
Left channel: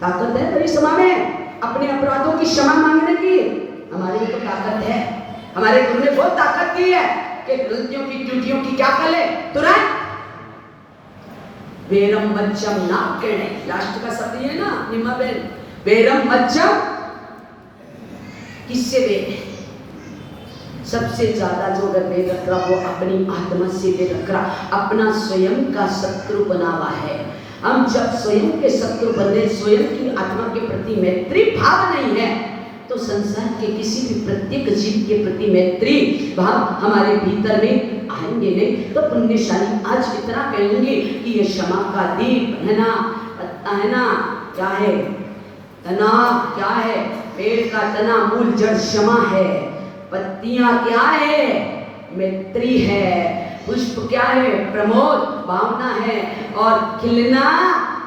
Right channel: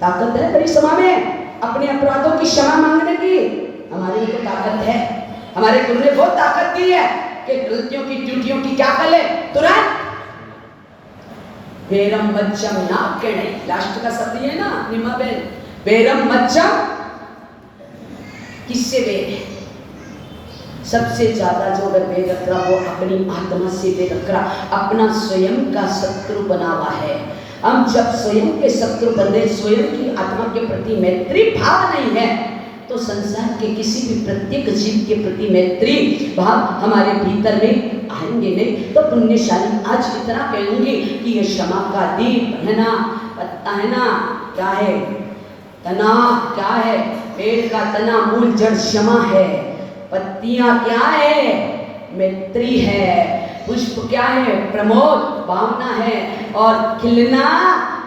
ताकत है मेरी सभा में अपने अपराधों की क्षमा मांगने की। हमारे में तो ताकत है, हमारे गुरु ने बहुत ताकत दी है कि गलतियों की त्रुटियों की क्या कर ले तुरंत वेरम मज्जम ना कहने। लास्ट का शब्द ये ना निमा बेन, वेरम मज्जम किससे वेर है? सबसे ज्यादा जो वेर रख रहा वो अपनी आत्मा से वेर रख रहा, अपना स्वयं का शत्रु बना हुआ है। हम जब स्वयं के शत्रु बने, स्वयं की आत्मा के प्रति मैत्री भाव नहीं है, तो संसार के किसी भी प्रत्येक जीव के प्रति मैत्री भाव हमारे भीतर में आएंगे नहीं। तो पुण्यशाली आज इतना कहूंगी कि ये क्षमा का दीप है ना, पत्ता है ना, क्या है तना, क्या है पेड़ का तना, मूल जड़ क्षमा है, पत्तियां क्या है मैत्री है, पुष्प क्या है प्रमोद भावना है, और खिलना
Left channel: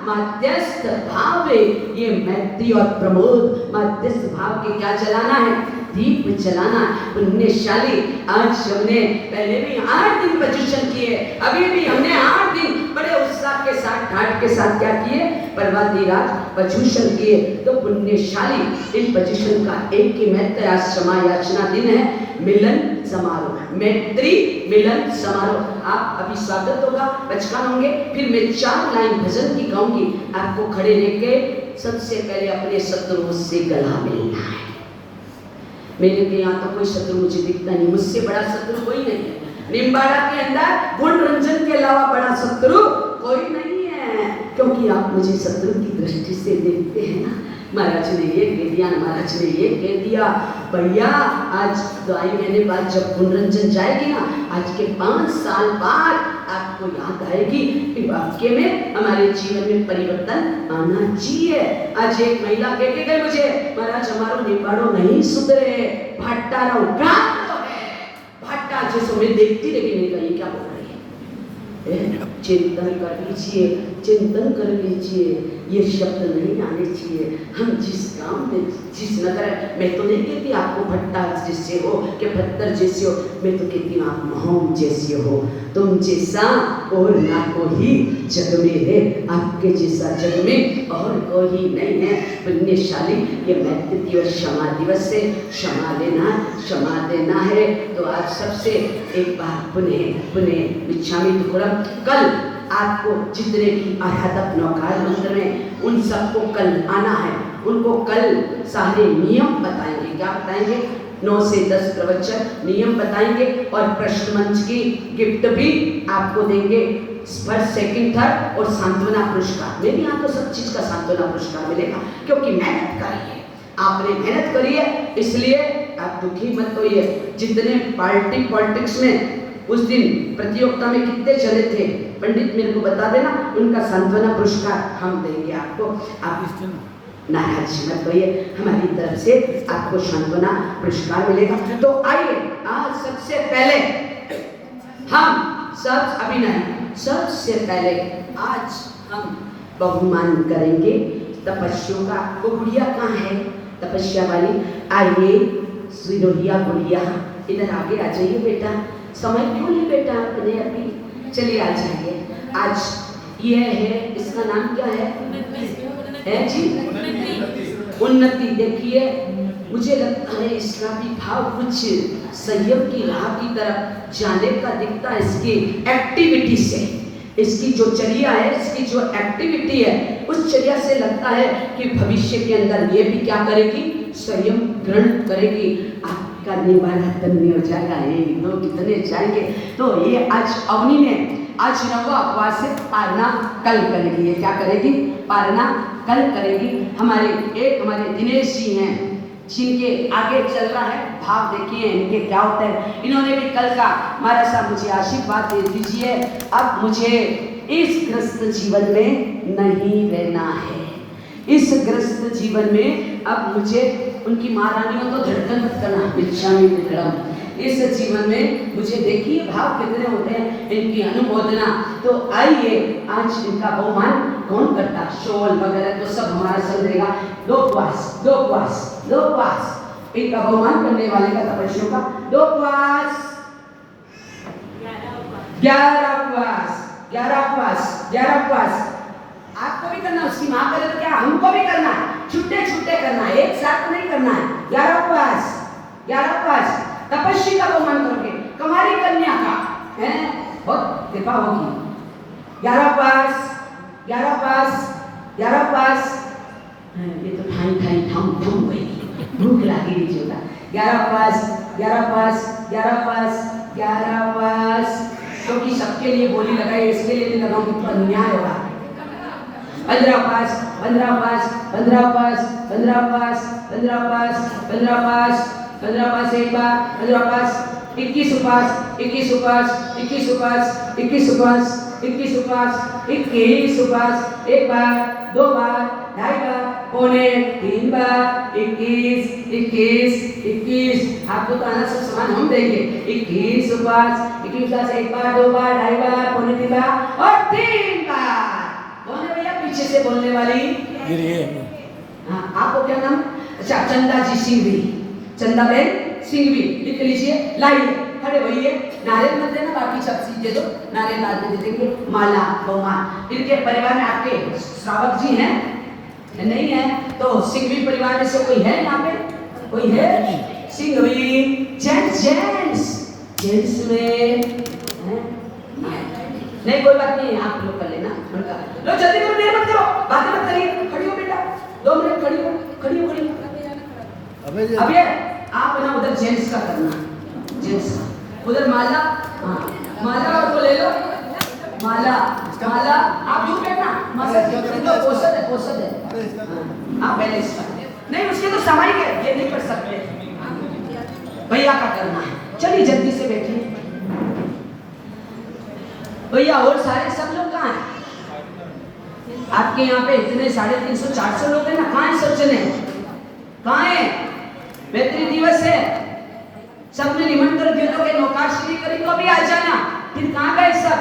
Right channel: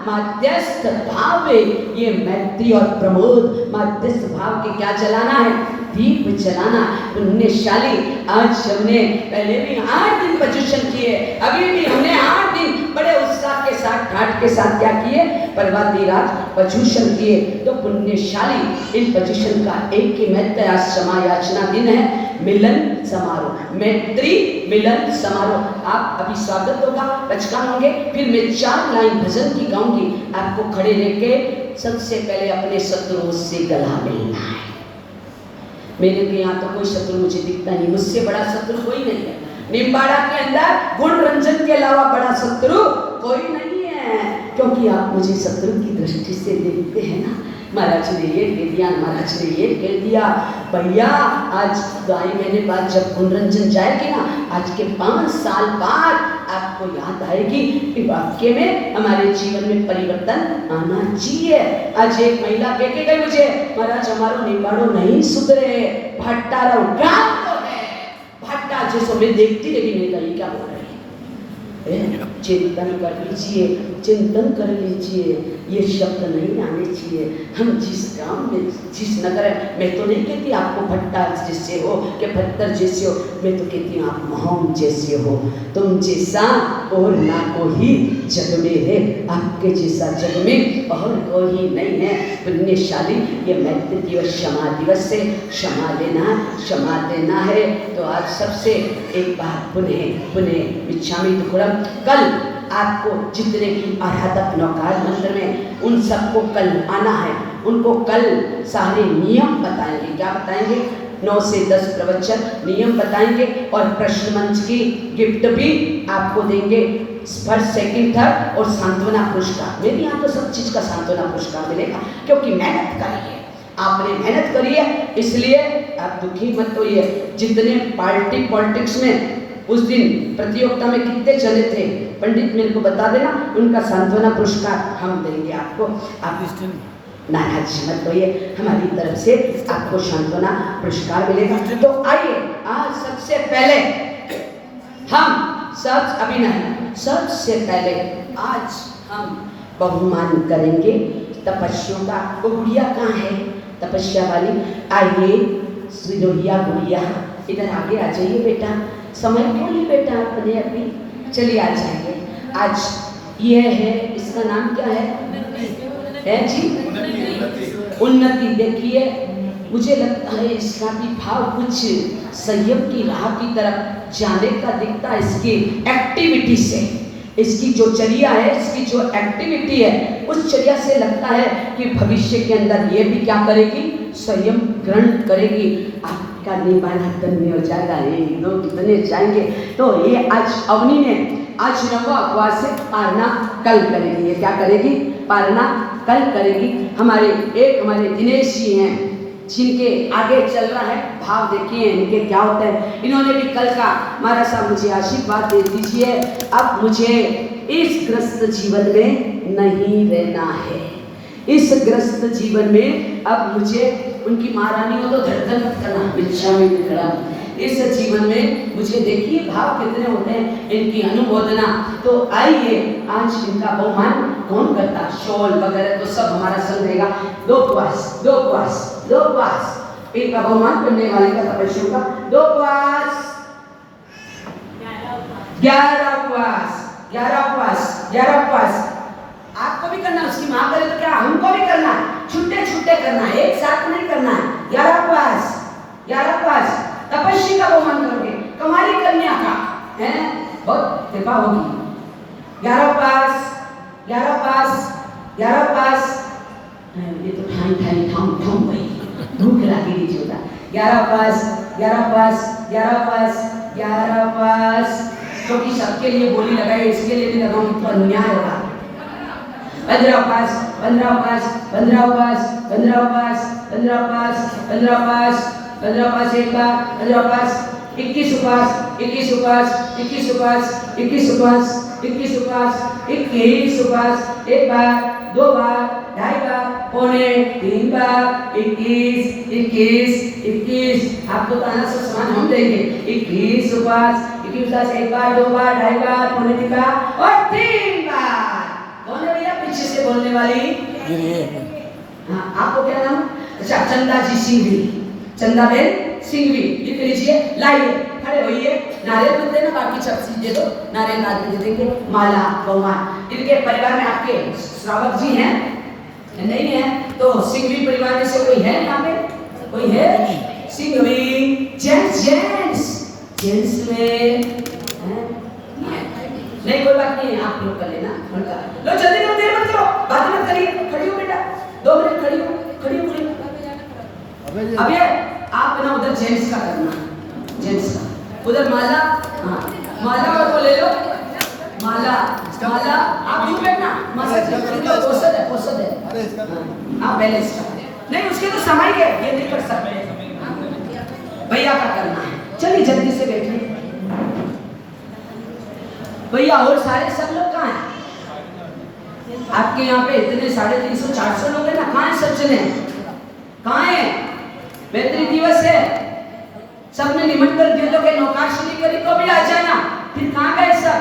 मध्यस्थ भाव है। ये मैत्री और प्रमोद मध्यस्थ भाव के क्या जलाना है? दीप जलाना। पुण्यशाली आज हमने पहले भी 8 दिन प्रदर्शन किए, अभी भी हमने 8 दिन बड़े उत्साह के साथ ठाट के साथ क्या किए? प्रभाती रात प्रदर्शन किए। तो पुण्यशाली इन प्रदर्शन का एक ही महत्व, आज क्षमा याचना दिन है, मिलन समारोह, मैत्री मिलन समारोह। आप अभी स्वागत होगा, बचकान होंगे, फिर मैं 4 लाइन भजन की गाऊंगी। आपको खड़े लेके सबसे पहले अपने शत्रुओं से गला मिलना है। मेरे के यहाँ तो कोई शत्रु मुझे दिखता नहीं, मुझसे बड़ा शत्रु कोई नहीं है। निम्बाड़ा के अंदर गुण रंजन के अलावा बड़ा शत्रु कोई नहीं है, क्योंकि आप मुझे शत्रु की दृष्टि से देखते हैं ना। महाराज ने ये कह दिया, महाराज ने ये कह दिया, भैया आज गाय महीने बाद जब गुणरंजन जाएगी ना, आज के 5 साल बाद आपको याद आएगी कि वाक्य में हमारे जीवन में परिवर्तन आना चाहिए। आज एक महिला कह के गई मुझे, महाराज हमारो निबाड़ो नहीं सुधरे, भट्टा रहो तो है, भट्टा जैसे मैं देखती रही, नहीं कही क्या बोल रही है। चिंतन कर लीजिए, चिंतन कर लीजिए, ये शब्द नहीं आने चाहिए। हम जिस गांव में, जिस नगर, मैं तो नहीं कहती आपको भट्टा जैसे हो कि पत्थर जैसे हो, मैं तो कहती हूँ आप मोहम जैसे हो। तुम जैसा और ना कोई जग में है, आपके जैसा जग में और कोई नहीं है। पुण्यशाली ये मैत्री दिवस क्षमा दिवस से क्षमा लेना, क्षमा देना है। तो आज सबसे एक बार पुनः मिच्छामि दुक्कडम। कल आपको जितने भी आराधक नौकार मंत्र में, उन सबको कल आना है। उनको कल सारे नियम बताएंगे। क्या बताएंगे? 9 से 10 प्रवचन नियम बताएंगे, और प्रश्न मंच की गिफ्ट भी आपको देंगे। फर्स्ट, सेकंड, थर्ड और सांत्वना पुरस्कार। मेरे यहाँ तो सब चीज का सांत्वना पुरस्कार मिलेगा, क्योंकि मेहनत करी है, आपने मेहनत करी है, इसलिए आप दुखी मत होइए। जितने पॉलिटिक्स में उस दिन प्रतियोगिता में कितने चले थे, पंडित मेरे को बता देना, उनका सांत्वना पुरस्कार हम देंगे आपको। आप इस दिन नाराज मत होइए, हमारी तरफ से आपको सांत्वना पुरस्कार मिलेगा। तो आइए आज सबसे पहले हम सब, अभी नहीं, सबसे पहले आज हम बहुमान करेंगे तपस्या का। वो गुड़िया कहाँ है तपस्या वाली? आइए सिरोहिया गुड़िया, इधर आगे आ जाइए बेटा। समय क्यों नहीं बेटा अपने अभी, चलिए आ जाइए। आज ये है, इसका नाम क्या है जी? उन्नति। देखिए मुझे लगता है इसका भी भाव कुछ संयम की राह की तरफ जाने का दिखता है, इसकी एक्टिविटी से, इसकी जो चर्या है, इसकी जो एक्टिविटी है, उस चर्या से लगता है कि भविष्य के अंदर ये भी क्या करेगी? संयम ग्रहण करेगी। आपका निबाड़ा तन्नी हो जाएगा, लोग कितने जाएंगे। तो ये आज अवनी में, आज नवा उपवास से पारना कल करेगी। ये क्या करेगी? पारना कल करेगी। हमारे दिनेश जी हैं, जिनके आगे चल रहा है भाव देखिए इनके क्या होते हैं। इन्होंने भी कल का महाराज साहब मुझे आशीर्वाद दे दीजिए, अब मुझे इस ग्रस्त जीवन में नहीं रहना है, इस ग्रस्त जीवन में अब मुझे उनकी महारानियों को धड़कन मत करना, भिक्षा में निकला इस जीवन में मुझे देखिए भाव कितने होते हैं इनकी अनुमोदना। तो आइए आज इनका बहुमान कौन करता, शोल वगैरह तो सब हमारा संग रहेगा। दो क्वास इनका बहुमान करने वाले का तपस्या का 2 क्वास 11 क्वास आपको भी करना है, उसकी माँ करे तो क्या हमको भी करना है, छुट्टे करना है, एक साथ नहीं करना है। 11 क्वास तपस्वी का बहुमान करोगे, कुमारी कन्या का है बहुत कृपा होगी। 11 पास ये तो ठाई थम गई, भूख लगी लीजिएगा। 11 पास क्योंकि सबके लिए बोली लगाई, इसके लिए नहीं लगाऊंगी तो अन्याय होगा। 15 पास एक बार, 15 पास 21 उपास एक बार, 2 बार, 2.5 बार, पौने 3 बार, 21 आपको तो आना सब समान हम देंगे। 21 उपास एक बार, 2 बार, 2.5 बार, पौने 3 बार और 3 बार। कौन है भैया पीछे से बोलने वाली? हाँ, आपको क्या नाम? अच्छा, चंदा जी सिंघवी, चंदाबेन सिंघवी लिख लीजिए। लाइए, खड़े होइए, नारियल मत देना, बाकी सब चीज दे दो, नारियल बाद में दे देंगे। माला बहुमान, इनके परिवार में आपके श्रावक जी हैं नहीं है तो सिंघवी परिवार में से कोई है यहाँ पे? कोई है? सिंघवी जेंट्स में नहीं, कोई बात नहीं, आप लोग कर लेना। लो जल्दी करो, देर मत करो, बातें मत करिए, खड़ी हो बेटा, 2 मिनट खड़ी हो। अब ये आप ना उधर जेंट्स का करना, जेंट्स का उधर माला, हाँ माला को ले लो, माला आप दूर बैठना, पोसद है आप पहले इसका नहीं, उसके तो समय है, ये नहीं कर सकते, भैया का करना है। चलिए जल्दी से बैठिए भैया। और सारे सब लोग कहाँ हैं आपके यहाँ पे? इतने 350-400 लोग हैं ना, कहाँ है सब? चले कहाँ है? बेहतरीन दिवस है, सब में निमंत्रण दिए लोग नौकाश्री करी तो भी आ जाना, फिर कहाँ गए सब?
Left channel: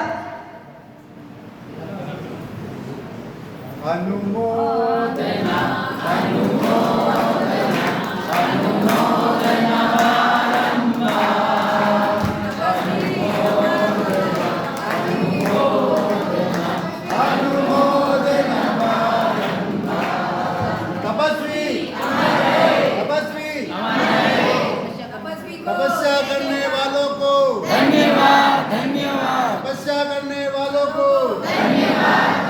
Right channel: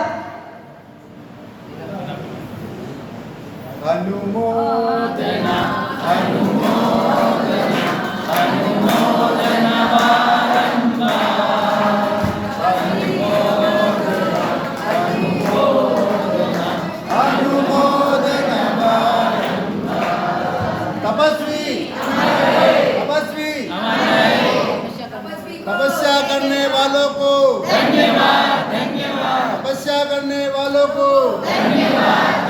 अनुमोदना तपस्या करने वालों को धन्यवाद, तपस्या करने वालों को धन्यवाद।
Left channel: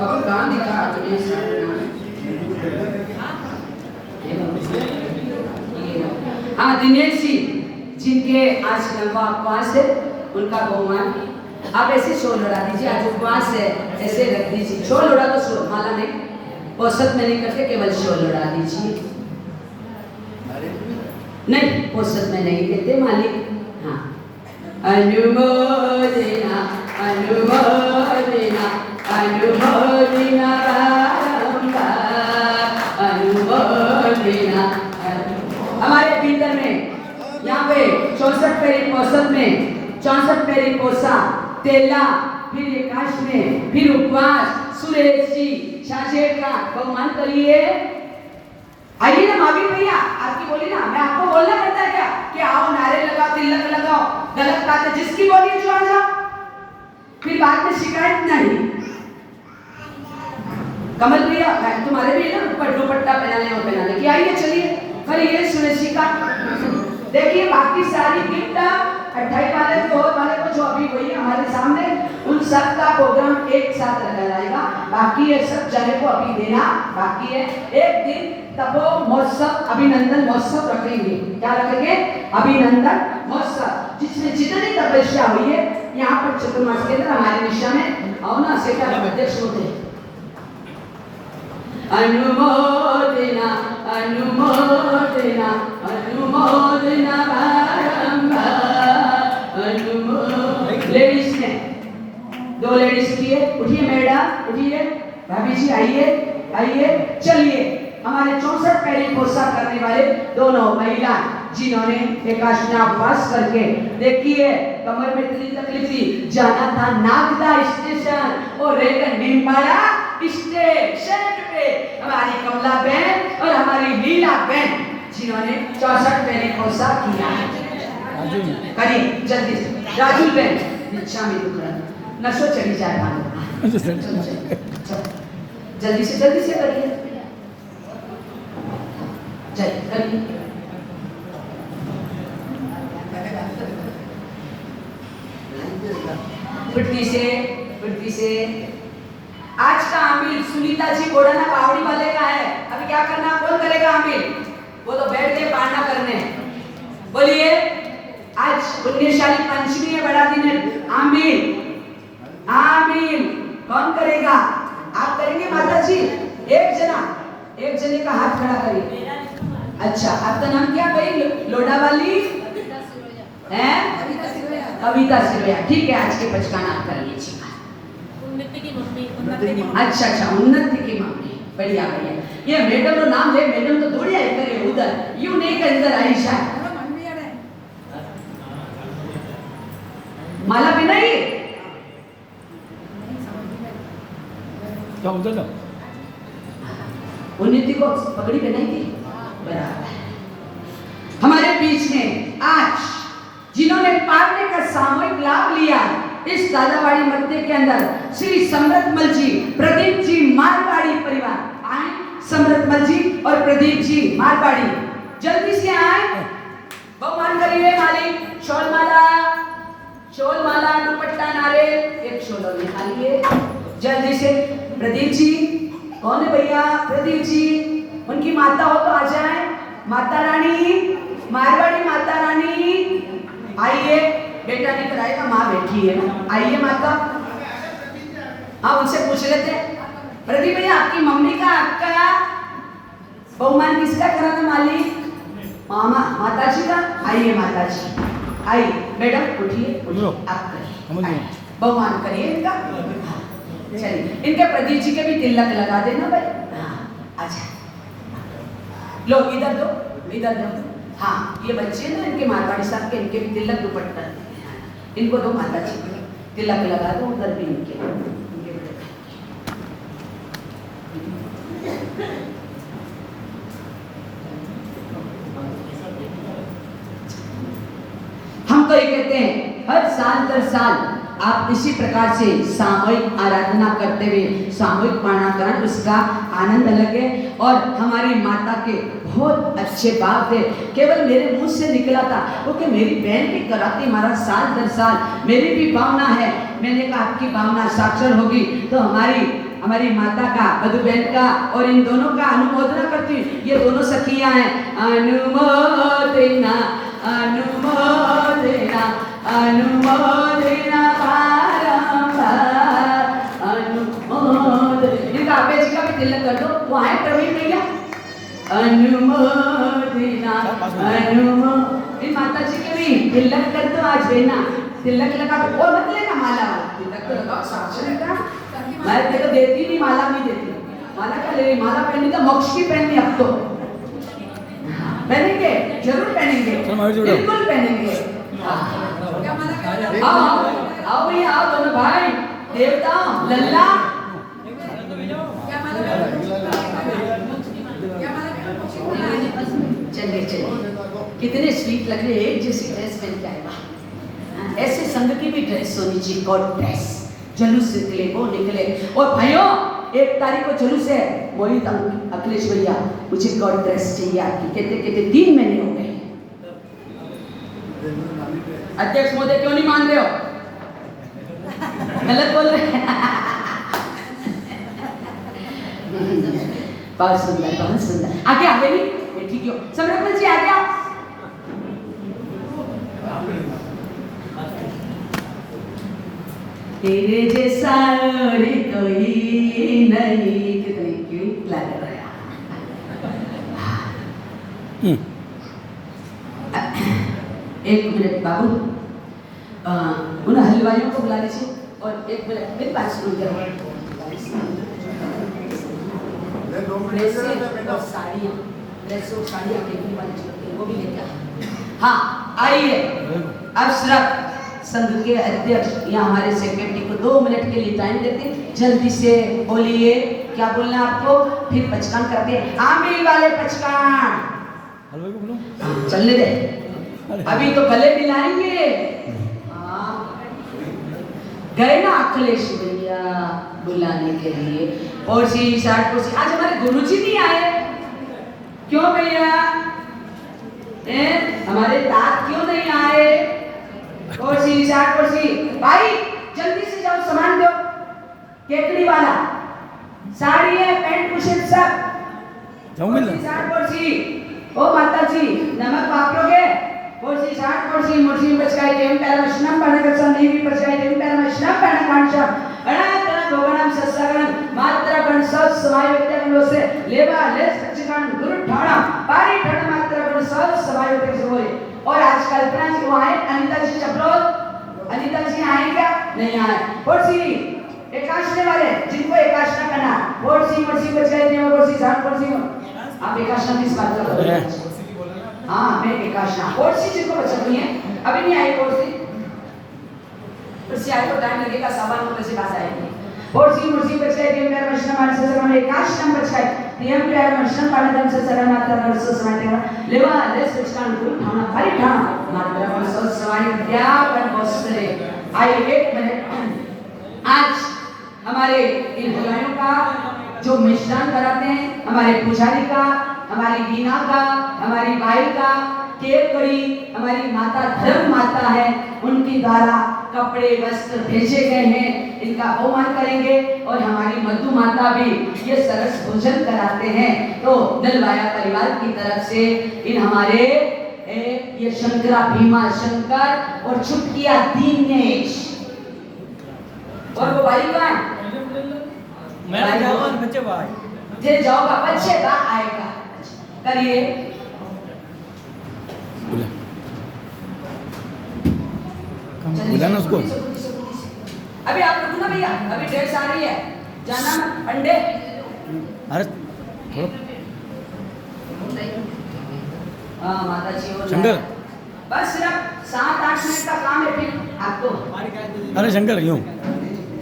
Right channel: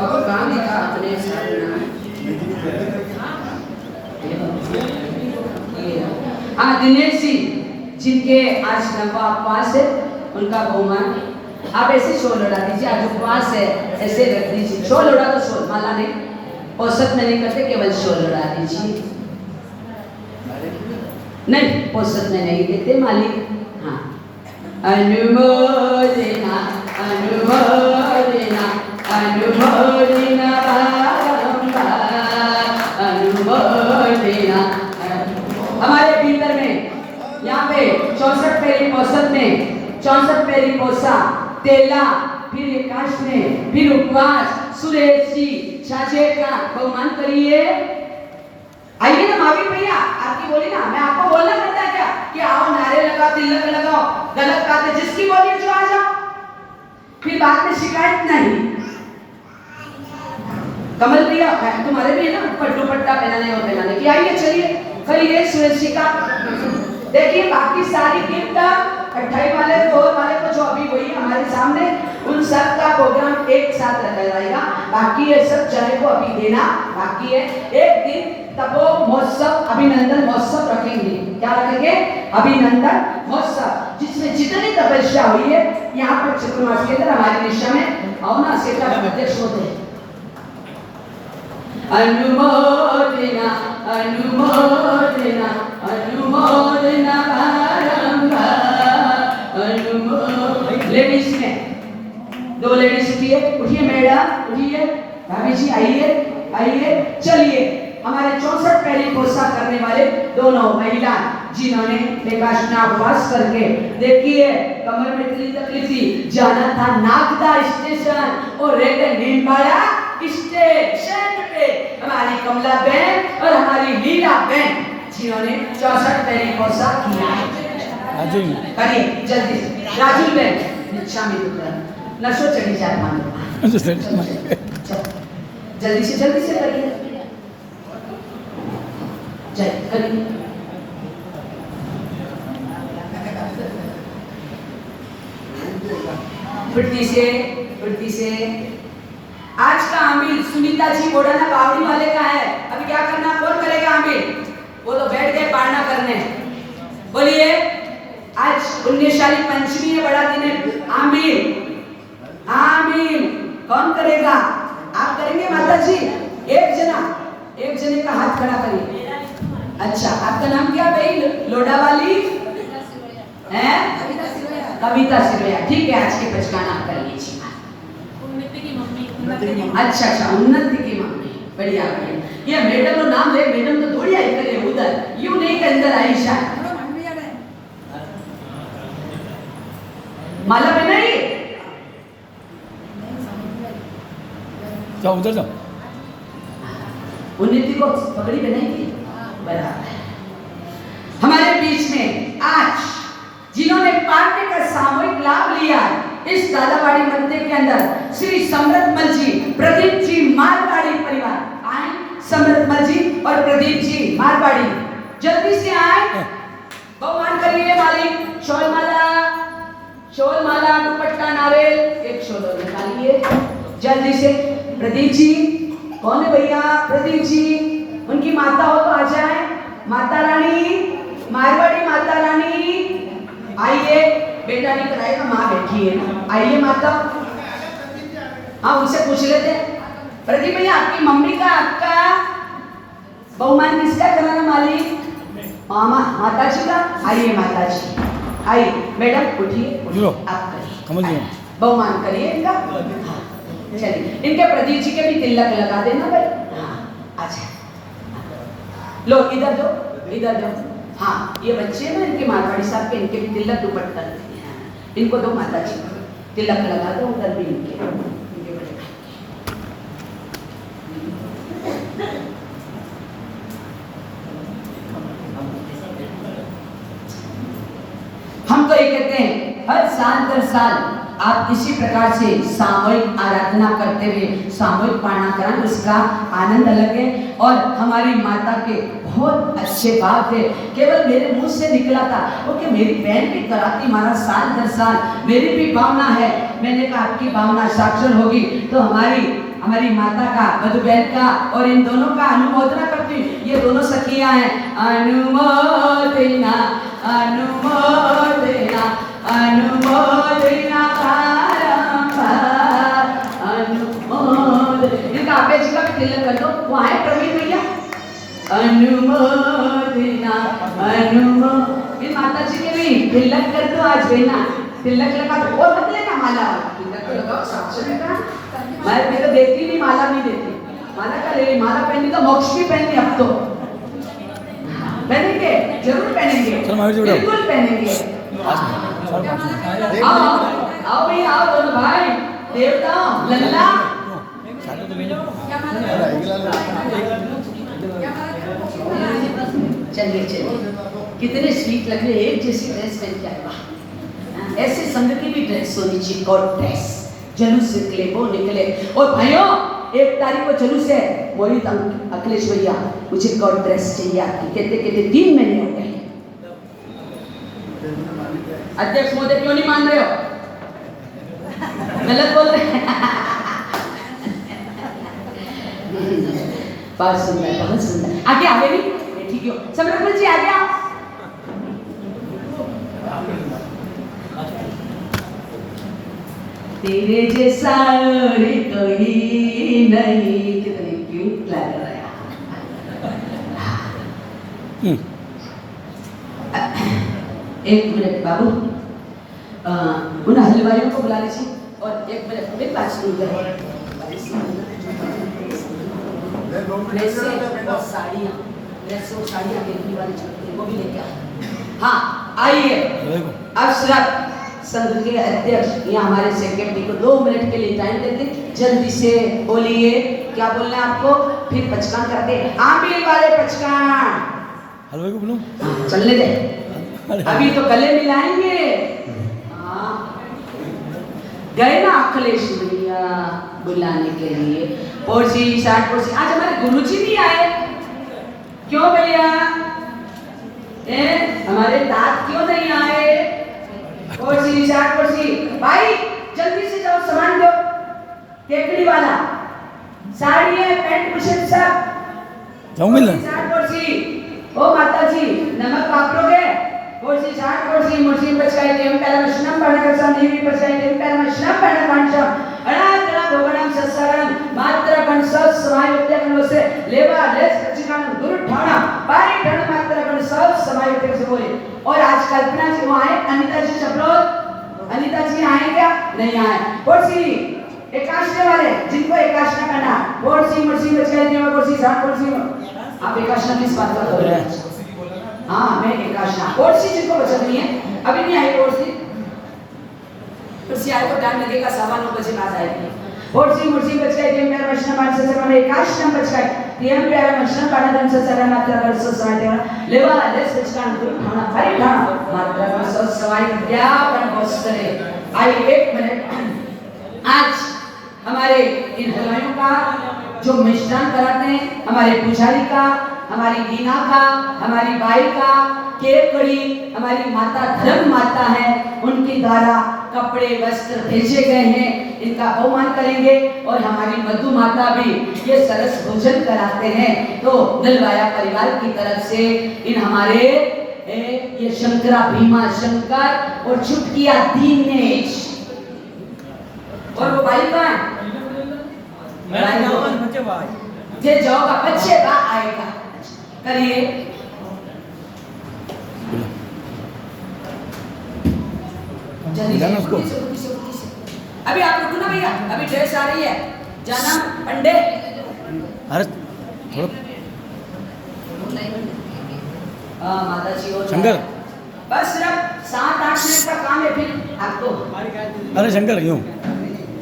अब कहाँ लिखा दिनेश जी जिनके आज लंबा उपवास है उनका बहुमान आप ऐसे शोल उड़ा दीजिए। आज उपवास है, ऐसे रख दीजिए, शोल उड़ा तो शोल, माला नहीं, औसत में नहीं करते, केवल शोल उड़ा दीजिए। नहीं, औसत में नहीं देते मालिक। हाँ, अनुमोदना हमारे भीतर में यहाँ पे 64 पेरी औसत में, 64 पेरी पोसा तेला, फिर एकाश में, फिर उपवास, सुरेश जी शाशे का बहुमान करिए। आइए ना मावी भैया, आपकी बोली ना, मैं आपको बोलना पड़ता है क्या कि आओ नारे लगाओ, तिलक लगाओ, गलत बात है, जिसकी बोलिए जो आ जाओ, फिर बाद में शिकायत नहीं। कमल भैया तुम्हारे भी है ना ऊपर दुपट्टा पहनाने और पहनाने की, आइए चलिए करिए सुरेश जी का। देखिए बाकी सारी गिफ्ट 28 वाले 4 वाले को जो अभी वही हमारे सामने, उन सब का प्रोग्राम एक साथ रखा जाएगा। बाकी ये सब चाहे को अभी देना बाकी है। एक दिन तपो महोत्सव, अभिनंदन महोत्सव रखेंगे। क्या रखेंगे? अभिनंदन महोत्सव, जिसमें जितनी तपस्या हुई है यहाँ पर चतुर्मास के अंदर हमारी दिशा में आओ ना सेठा अध्यक्ष होते अनुमोदना अनुमोदना अनुमोदना लेडीज में 2 लेडीज उठिए मैडम उठिए भाभी जी आइए आइए चलिए हमारे 64 पैरी पोशाक करने वाले दोनों महिला जिन्होंने एकादशी उपवास करके देखिए कमर में इतनी तकलीफ थी जाना था नागदा स्टेशन और रेलवे नीमपाड़ा स्टेशन पे हमारी कमला बहन और हमारी लीला बहन जिन्होंने 64 पैरी पोशाक किया है करिए जल्दी राजू बहन नीचा में रुक रहा नशो चढ़ी जाता जल्दी से करिए चल करिए फुर्ती से आज का आमिल सुनीता जी बोड़ाना बावड़ी वाले का है अभी क्या करना कौन करेगा आमिल वो तो बैठ गए पारना करने बोलिए आज पुण्यशाली पंचमी है बड़ा दिन है आमिल आमिल कौन करेगा आप करेंगे माता जी एक जने का हाथ खड़ा करिए अच्छा आपका नाम क्या भाई लोडा वाली हैं कविता सिरोया ठीक है आज के पचकाना आप कर लीजिए अच्छा उन्नति की मम्मी बढ़िया ये मैडम नो नाम ले मैडम तो दौड़ी आई करे उधर यू नहीं के अंदर आई शायद माला पे नहीं जाओ उधर जाओ उन्नति को पगड़ी पहनाई थी बराबर हमारे बीच में आज जिन्होंने पार्टी का सामूहिक लाभ लिया इस दादावाड़ी मंदिर के अंदर श्री समृद्धमल जी प्रदीप जी मारवाड़ी परिवार आए समृद्धमल जी और प्रदीप जी मारवाड़ी जल्दी से आए बहुमान करिए मालिक शोल माला दुपट्टा नारियल एक शोल निकालिए जल्दी से प्रदीप जी कौन है भैया प्रदीप जी उनकी माता हो तो आ जाए माता रानी मारवाड़ी माता रानी आइए बेटा नहीं कराएगा माँ बैठी है ना आइए माता हाँ उनसे पूछ लेते प्रदीप भैया आपकी मम्मी का आपका बहुमान किसका कराना मालिक मामा माता जी का आइए माता जी आइए मैडम उठिए आप करिए बहुमान करिए इनका चलिए इनके प्रदीप जी के भी तिलक लगा देना भाई अच्छा लो इधर दो हाँ ये बच्चे ना इनके मारवाड़ी साहब के इनके भी तिलक दुपट्टा इनको दो माता जी तिलक लगा दो उधर भी इनके हम तो ये कहते हैं हर साल दर साल आप इसी प्रकार से सामूहिक आराधना करते हुए सामूहिक पारणा करें उसका आनंद अलग है और हमारी माता के बहुत अच्छे बात है केवल मेरे मुंह से निकला था क्योंकि मेरी बहन भी कराती महाराज साल दर साल मेरी भी भावना है मैंने कहा आपकी भावना साक्षर होगी तो हमारी माता का मधु बहन का और इन दोनों का अनुमोदना करती हूँ ये दोनों सखियां हैं अनुमोदना अनुमोदना अनुमोदना इनका अब्बे जी का भी तिलक कर दो वहाँ है प्रवीण भैया अनुमोदना इन माता जी के भी तिलक कर दो आज बेना तिलक लगा तो और मत लेना माला तिलक तो लगाओ साक्षर लेना मैं तेरे को देती नहीं माला नहीं देती माला का ले माला पहनने का मोक्ष भी पहननी अब तो पहनेंगे जरूर पहनेंगे बिल्कुल पहनेंगे आओ भैया आओ दोनों भाई देवता लल्ला चलिए कितने स्वीट लग रहे एक जैसी ड्रेस पहन के आए ऐसे संघ की भी ड्रेस होनी चाहिए कोट ड्रेस जुलूस निकले वो निकले और भाइयों 1 तारीख को जुलूस है मोहित अखिलेश भैया मुझे कोट ड्रेस चाहिए आपकी कहते 3 महीने हो गए अध्यक्ष महोदय क्यों नहीं मान रहे हो गलत बोल रहे बहुत सुंदर आगे आगे भी ठीक हो समृद्धमल जी आगे आओ तेरे जैसा और कोई नहीं। कितनी क्यूट लग रहा है। एक मिनट बाबू, उन हलवाइयों को बुला लीजिए और एक मिनट मेरी बात सुनिए। ड्रेसें और साड़ियाँ, ड्रेसें और साड़ियाँ देखने वाली चलती है, वो भी लेके आओ। हाँ आइए। अब सिर्फ संघ के अध्यक्ष या हमारे सेक्रेटरी को 2 मिनट के लिए टाइम देते, जल्दी से बोलिए क्या बोलना है आपको, फिर पचकान करते हैं। आमिर वाले पचकान हलवे को बोलो, चलने दे, अभी तो गले मिलाएंगे। हाँ गए ना अखिलेश भैया बुलाने के लिए, और जी 60%। आज हमारे गुरुजी नहीं आए, क्यों भैया? हमारे दाद क्यों नहीं आए? और जी 60%। भाई जल्दी से जाओ, सामान दो। केकड़ी वाला साड़ी है, पैंट बुशर्ट सब जाऊंगी ना। 60%। ओ माता जी नमक वापरोगे? और जी 60% मुर्सी बचकाई देम पहला मशनम पढ़कर संदीवी बचकाई देम पहला मशनम पढ़ना पांचम अड़ा भोगणम सत्सगणम मात्र गण सत समायुक्त गणों से लेवा लेस चिकन दूर ठाणा पारी ठाणा मात्र गण सत समायुक्त से बोले। और आज कल्पना जी वो आए, अनीता जी चपलोद, अनीता जी आए क्या? नहीं आए। और सी एकाशने वाले जिनको एकाशना करना, और सी मुर्सी बचकाई देम और सी 60%। आप एकाशना किस बात का कर रहे हैं? हाँ मैं एकाशना। और सी जिनको बचनी है अभी नहीं आई, और सी कुर्सी आए तो टाइम लगेगा, 9:15 बजे बाद आएगी। और सी मुर्सी बचकाई देम मेरा मशना मान से हमें एकाशना बचकाई टीएम के आरे मशना पाड़ा दम से सदा मात्र कर सो समाते लेवा लेस बचकान को खाना भारी खाना मात्र कर सो समाई क्या पर बसरे। आई 1 मिनट। आज हमारे इन हलवाइयों का जो मिष्ठान कराते हैं, हमारे पुजारी का, हमारी वीना का, हमारी बाई का, केकड़ी हमारी माता धर्म माता है, उनकी द्वारा कपड़े वस्त्र भेजे गए हैं, इनका बहुमान करेंगे। और हमारी मधु माता भी ये सरस भोजन कराते हैं। तो नलवाया परिवार की तरफ से इन हमारे ये शंकरा भीमा शंकर और छुटकिया दीनेश और वो भाई कौन है? मेरा जाओ बच्चे बाहर जे जाओगा बच्चे का आएगा। करिए बुलाना उसको। अभी आप रुको ना भैया, अभी ड्रेस आ रही है, जाना अंडे। अरे थोड़ा माता जी और शंकर, बस सिर्फ 7-8 मिनट का काम है, फिर आपको। अरे शंकर क्यों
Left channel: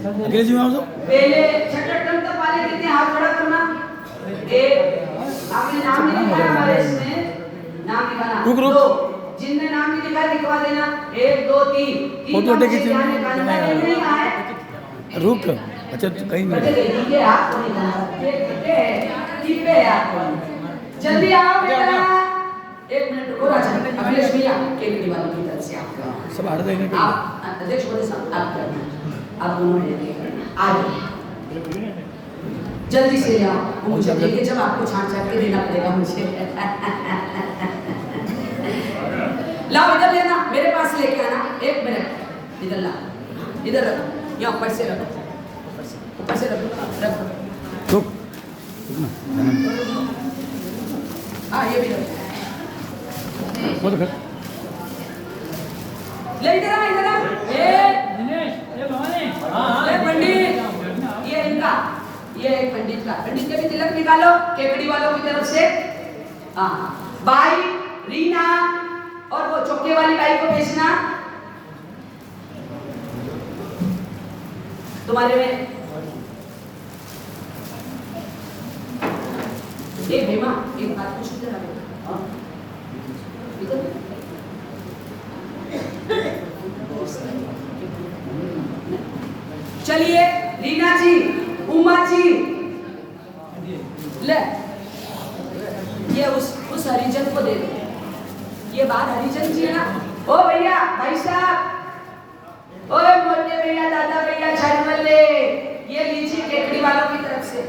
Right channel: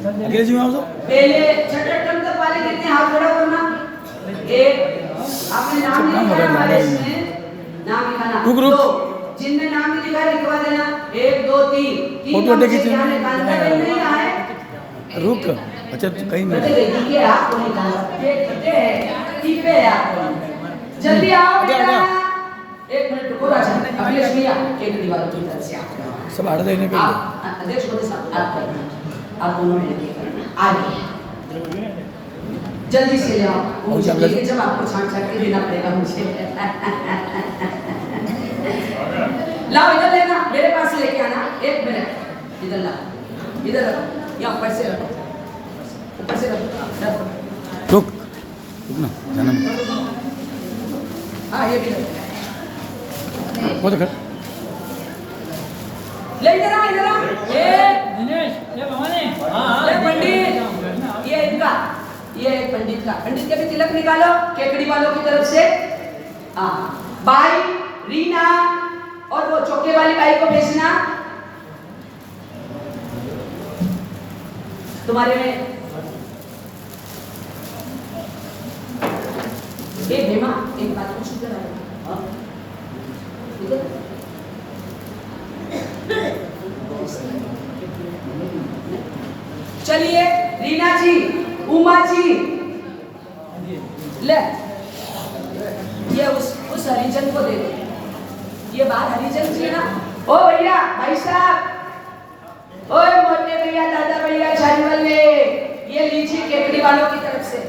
अकेले जी में आओ तो पहले छठे टन तक वाले कितने हाथ खड़ा करना। एक आपने नाम लिखा है इसमें, नाम लिखाना। रुक रुक, तो जिनने नाम नहीं लिखा लिखवा देना। 1 2 3 फोटो अटैक रुक। अच्छा कहीं नहीं ठीक है, आपको नहीं जाना, ये करते हैं टीपे है आपको। जल्दी आओ बेटा, 1 मिनट रुको। राजा अखिलेश भैया केकड़ी वालों की तरफ से आप सब आड़े देने पे आप अध्यक्ष बड़े साहब आप करना, आप दोनों मिलके करना। आगे जल्दी से ले आओ, वो देखिए जब आपको छांट छांट के देना पड़ेगा मुझे। लाओ इधर लेना, मेरे पास लेके आना। 1 मिनट इधर ला, इधर रखो, या ऊपर से रखो, ऊपर से रखो। रुक रुक ना जाना हाँ ये भी रखो। वो तो कर ले इधर आ, इधर आ। ये भवानी ये पंडित, ये इनका, ये एक पंडित का, पंडित का भी तिलक निकालो केकड़ी वालों की तरफ से। हाँ बाई रीना और वो चौके वाली बाई को भेजना तुम्हारे में। एक भीमा एक बात पूछ ले रहा हूं, चलिए रीना जी, उमा जी ले, ये उस हरिजन को दे दो। ये बात हरिजन जी है ना। ओ भैया भाई साहब, ओए मोटे भैया दादा भैया जानवर ले, ये लीजिए केकड़ी वालों की तरफ से।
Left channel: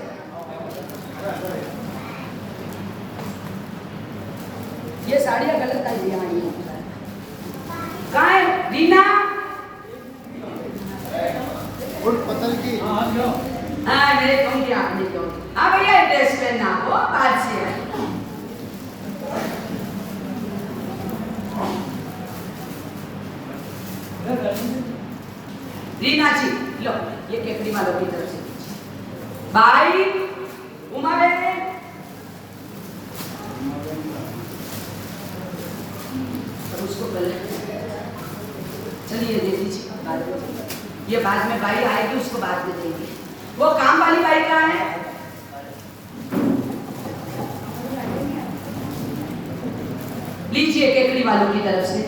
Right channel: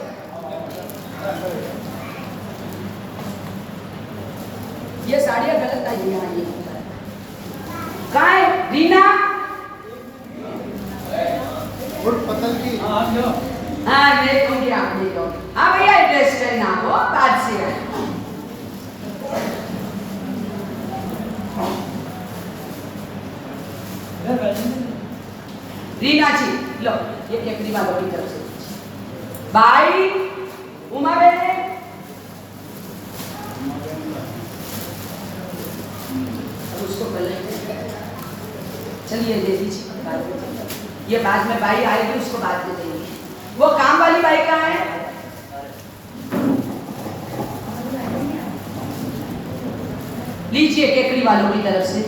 ये साड़ियाँ गलत आई हैं। कहाँ है रीना? हाँ ये कहूँगी आप ले लो। हाँ भैया ड्रेस पहनना वो बात से है। रीना जी लो ये केकड़ी वालों की तरफ से भाई उमा बेटे उसको बोले चलिए दे दीजिए ये बाद में भाई आएगी उसको बाद में देंगे। वो काम वाली भाई कहाँ है? लीजिए केकड़ी वालों की तरफ से।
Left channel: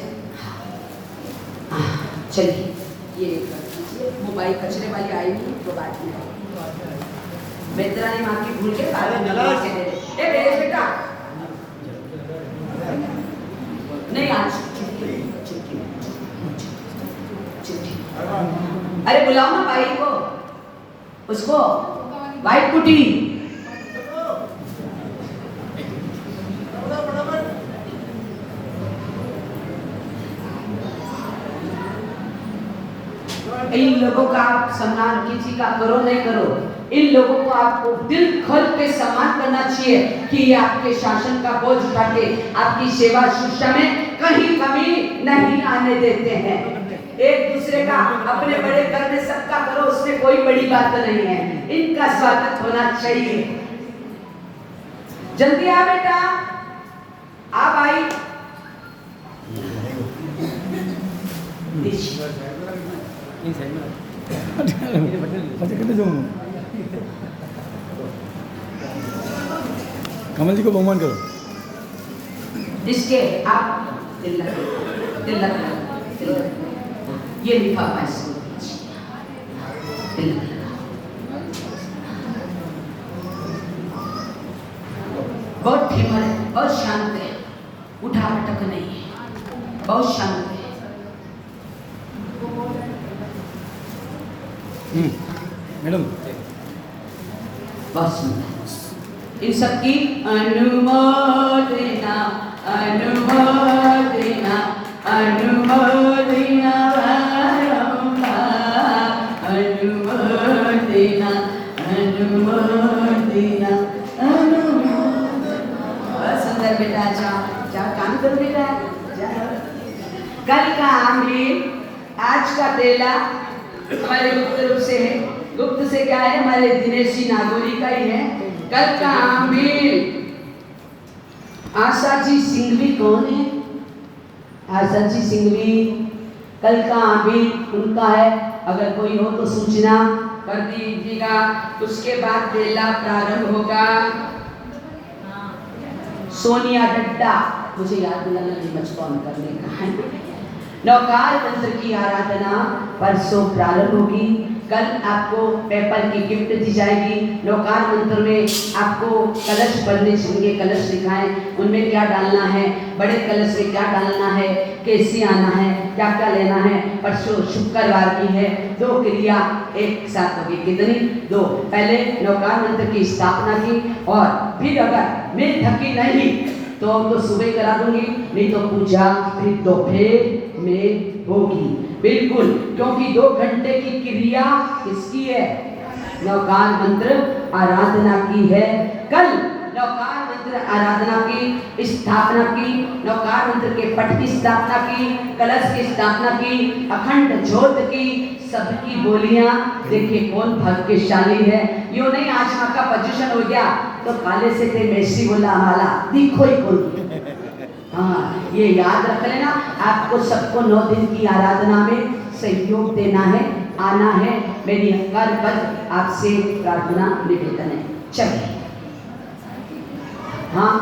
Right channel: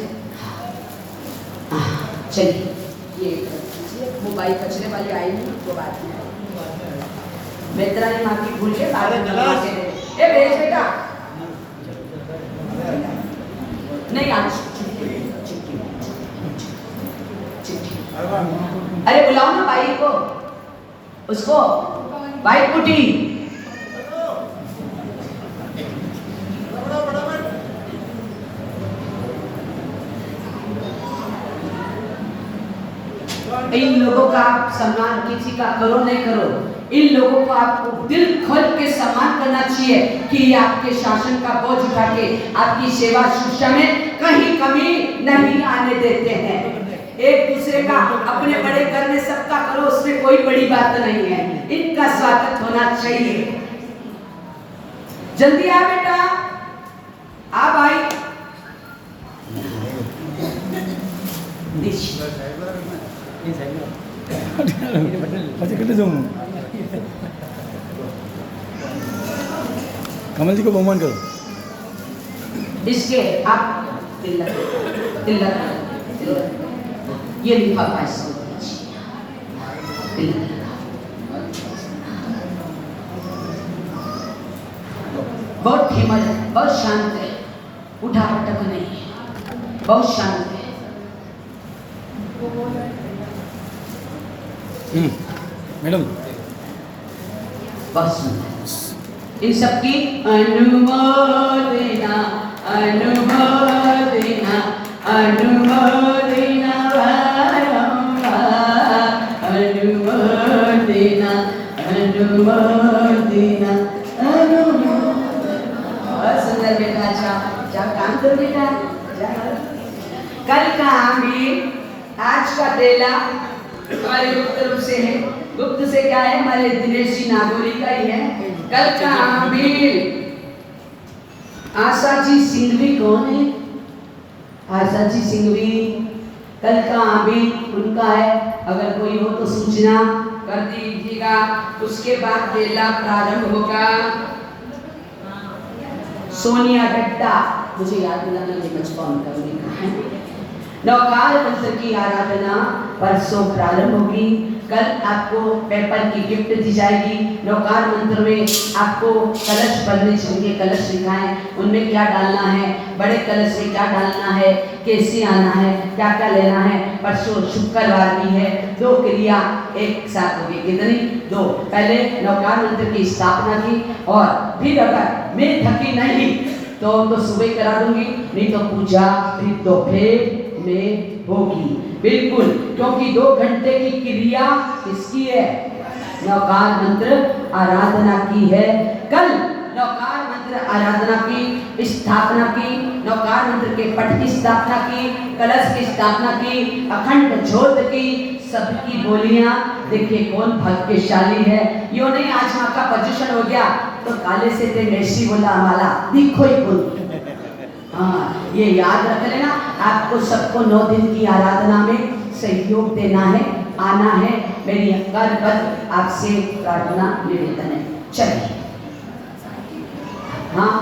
चलिए ये वो भाई कचरे वाली आई नहीं तो बात नहीं आई। बेतरा ने माँ की भूल के ए भेज बेटा नहीं आज अरे बुलाओ ना भाई को उसको भाई कुटी इन लोगों का सम्मान किसी का करो नहीं करो, इन लोगों को आपको दिल खोल के सम्मान करना चाहिए कि ये आपके शासन का बोझ उठा के आपकी सेवा शुश्रूषा में कहीं कमी नहीं आने देते हैं। एक दूसरे का अपने बड़े करने सबका करो उसमें कोई बड़ी बात नहीं है। इनका स्वागत होना चाहिए। जल्दी आ बेटा आ भाई कमल जी को बहुमान करो। इसके आप तिलक ये लिफाफा इसको बहुत खेमल है, बहुत शांत है, उठा पटक नहीं है, बहुत शांत है। मैडम बस इन सबकी अनुमोदना अनुमोदना अनुमोदना अनुमोदना अनुमोदना बहुत सुंदर बेटा। जाओ काम करो बेटा। कल का आमिर आज का बेला हमारे गुप्त रूप से है। गुप्त से क्या है? हमारे दिनेश जी नागौरी का ही है। कल का आमिर आशा जी सिंघवी कौन है? आशा जी सिंघवी कल का आमिर उनका है। अगर कोई हो तो सूचना कर दीजिएगा। उसके बाद बेला प्रारंभ होगा। सोनिया डड्डा मुझे याद दिलाना कि मुझे कौन करने का है। नौकार मंत्र की आराधना परसों प्रारंभ होगी। कल आपको पेपर की गिफ्ट दी जाएगी। नौकार मंत्र में आपको कलश पढ़ने चाहिए। कलश लिखाएं, उनमें क्या डालना है, बड़े कलश में क्या डालना है, कैसे आना है, क्या क्या लेना है। परसों शुक्रवार की है। 2 क्रिया एक साथ होगी। कितनी? 2। पहले नौकार मंत्र की स्थापना की और फिर अगर मैं थकी नहीं तो सुबह करा दूंगी, नहीं तो पूजा फिर दोपहर में होगी। बिल्कुल, क्योंकि 2 घंटे की क्रिया किसकी है? नौकार मंत्र आराधना की है। कल नौकार मंत्र आराधना की स्थापना की, नौकार मंत्र के पठ की स्थापना की, कलश की स्थापना की, अखंड ज्योत की, सबकी बोलियां। देखिए कौन भाग्यशाली है। यो नहीं आज माँ का पोजीशन हो गया तो काले से ते नेसी बोला हमारा दिखो ही बोल। हाँ ये याद रख लेना। आपको सबको 9 दिन की आराधना में सहयोग देना है, आना है। मेरी करबद्ध आपसे प्रार्थना निवेदन है। चलिए हाँ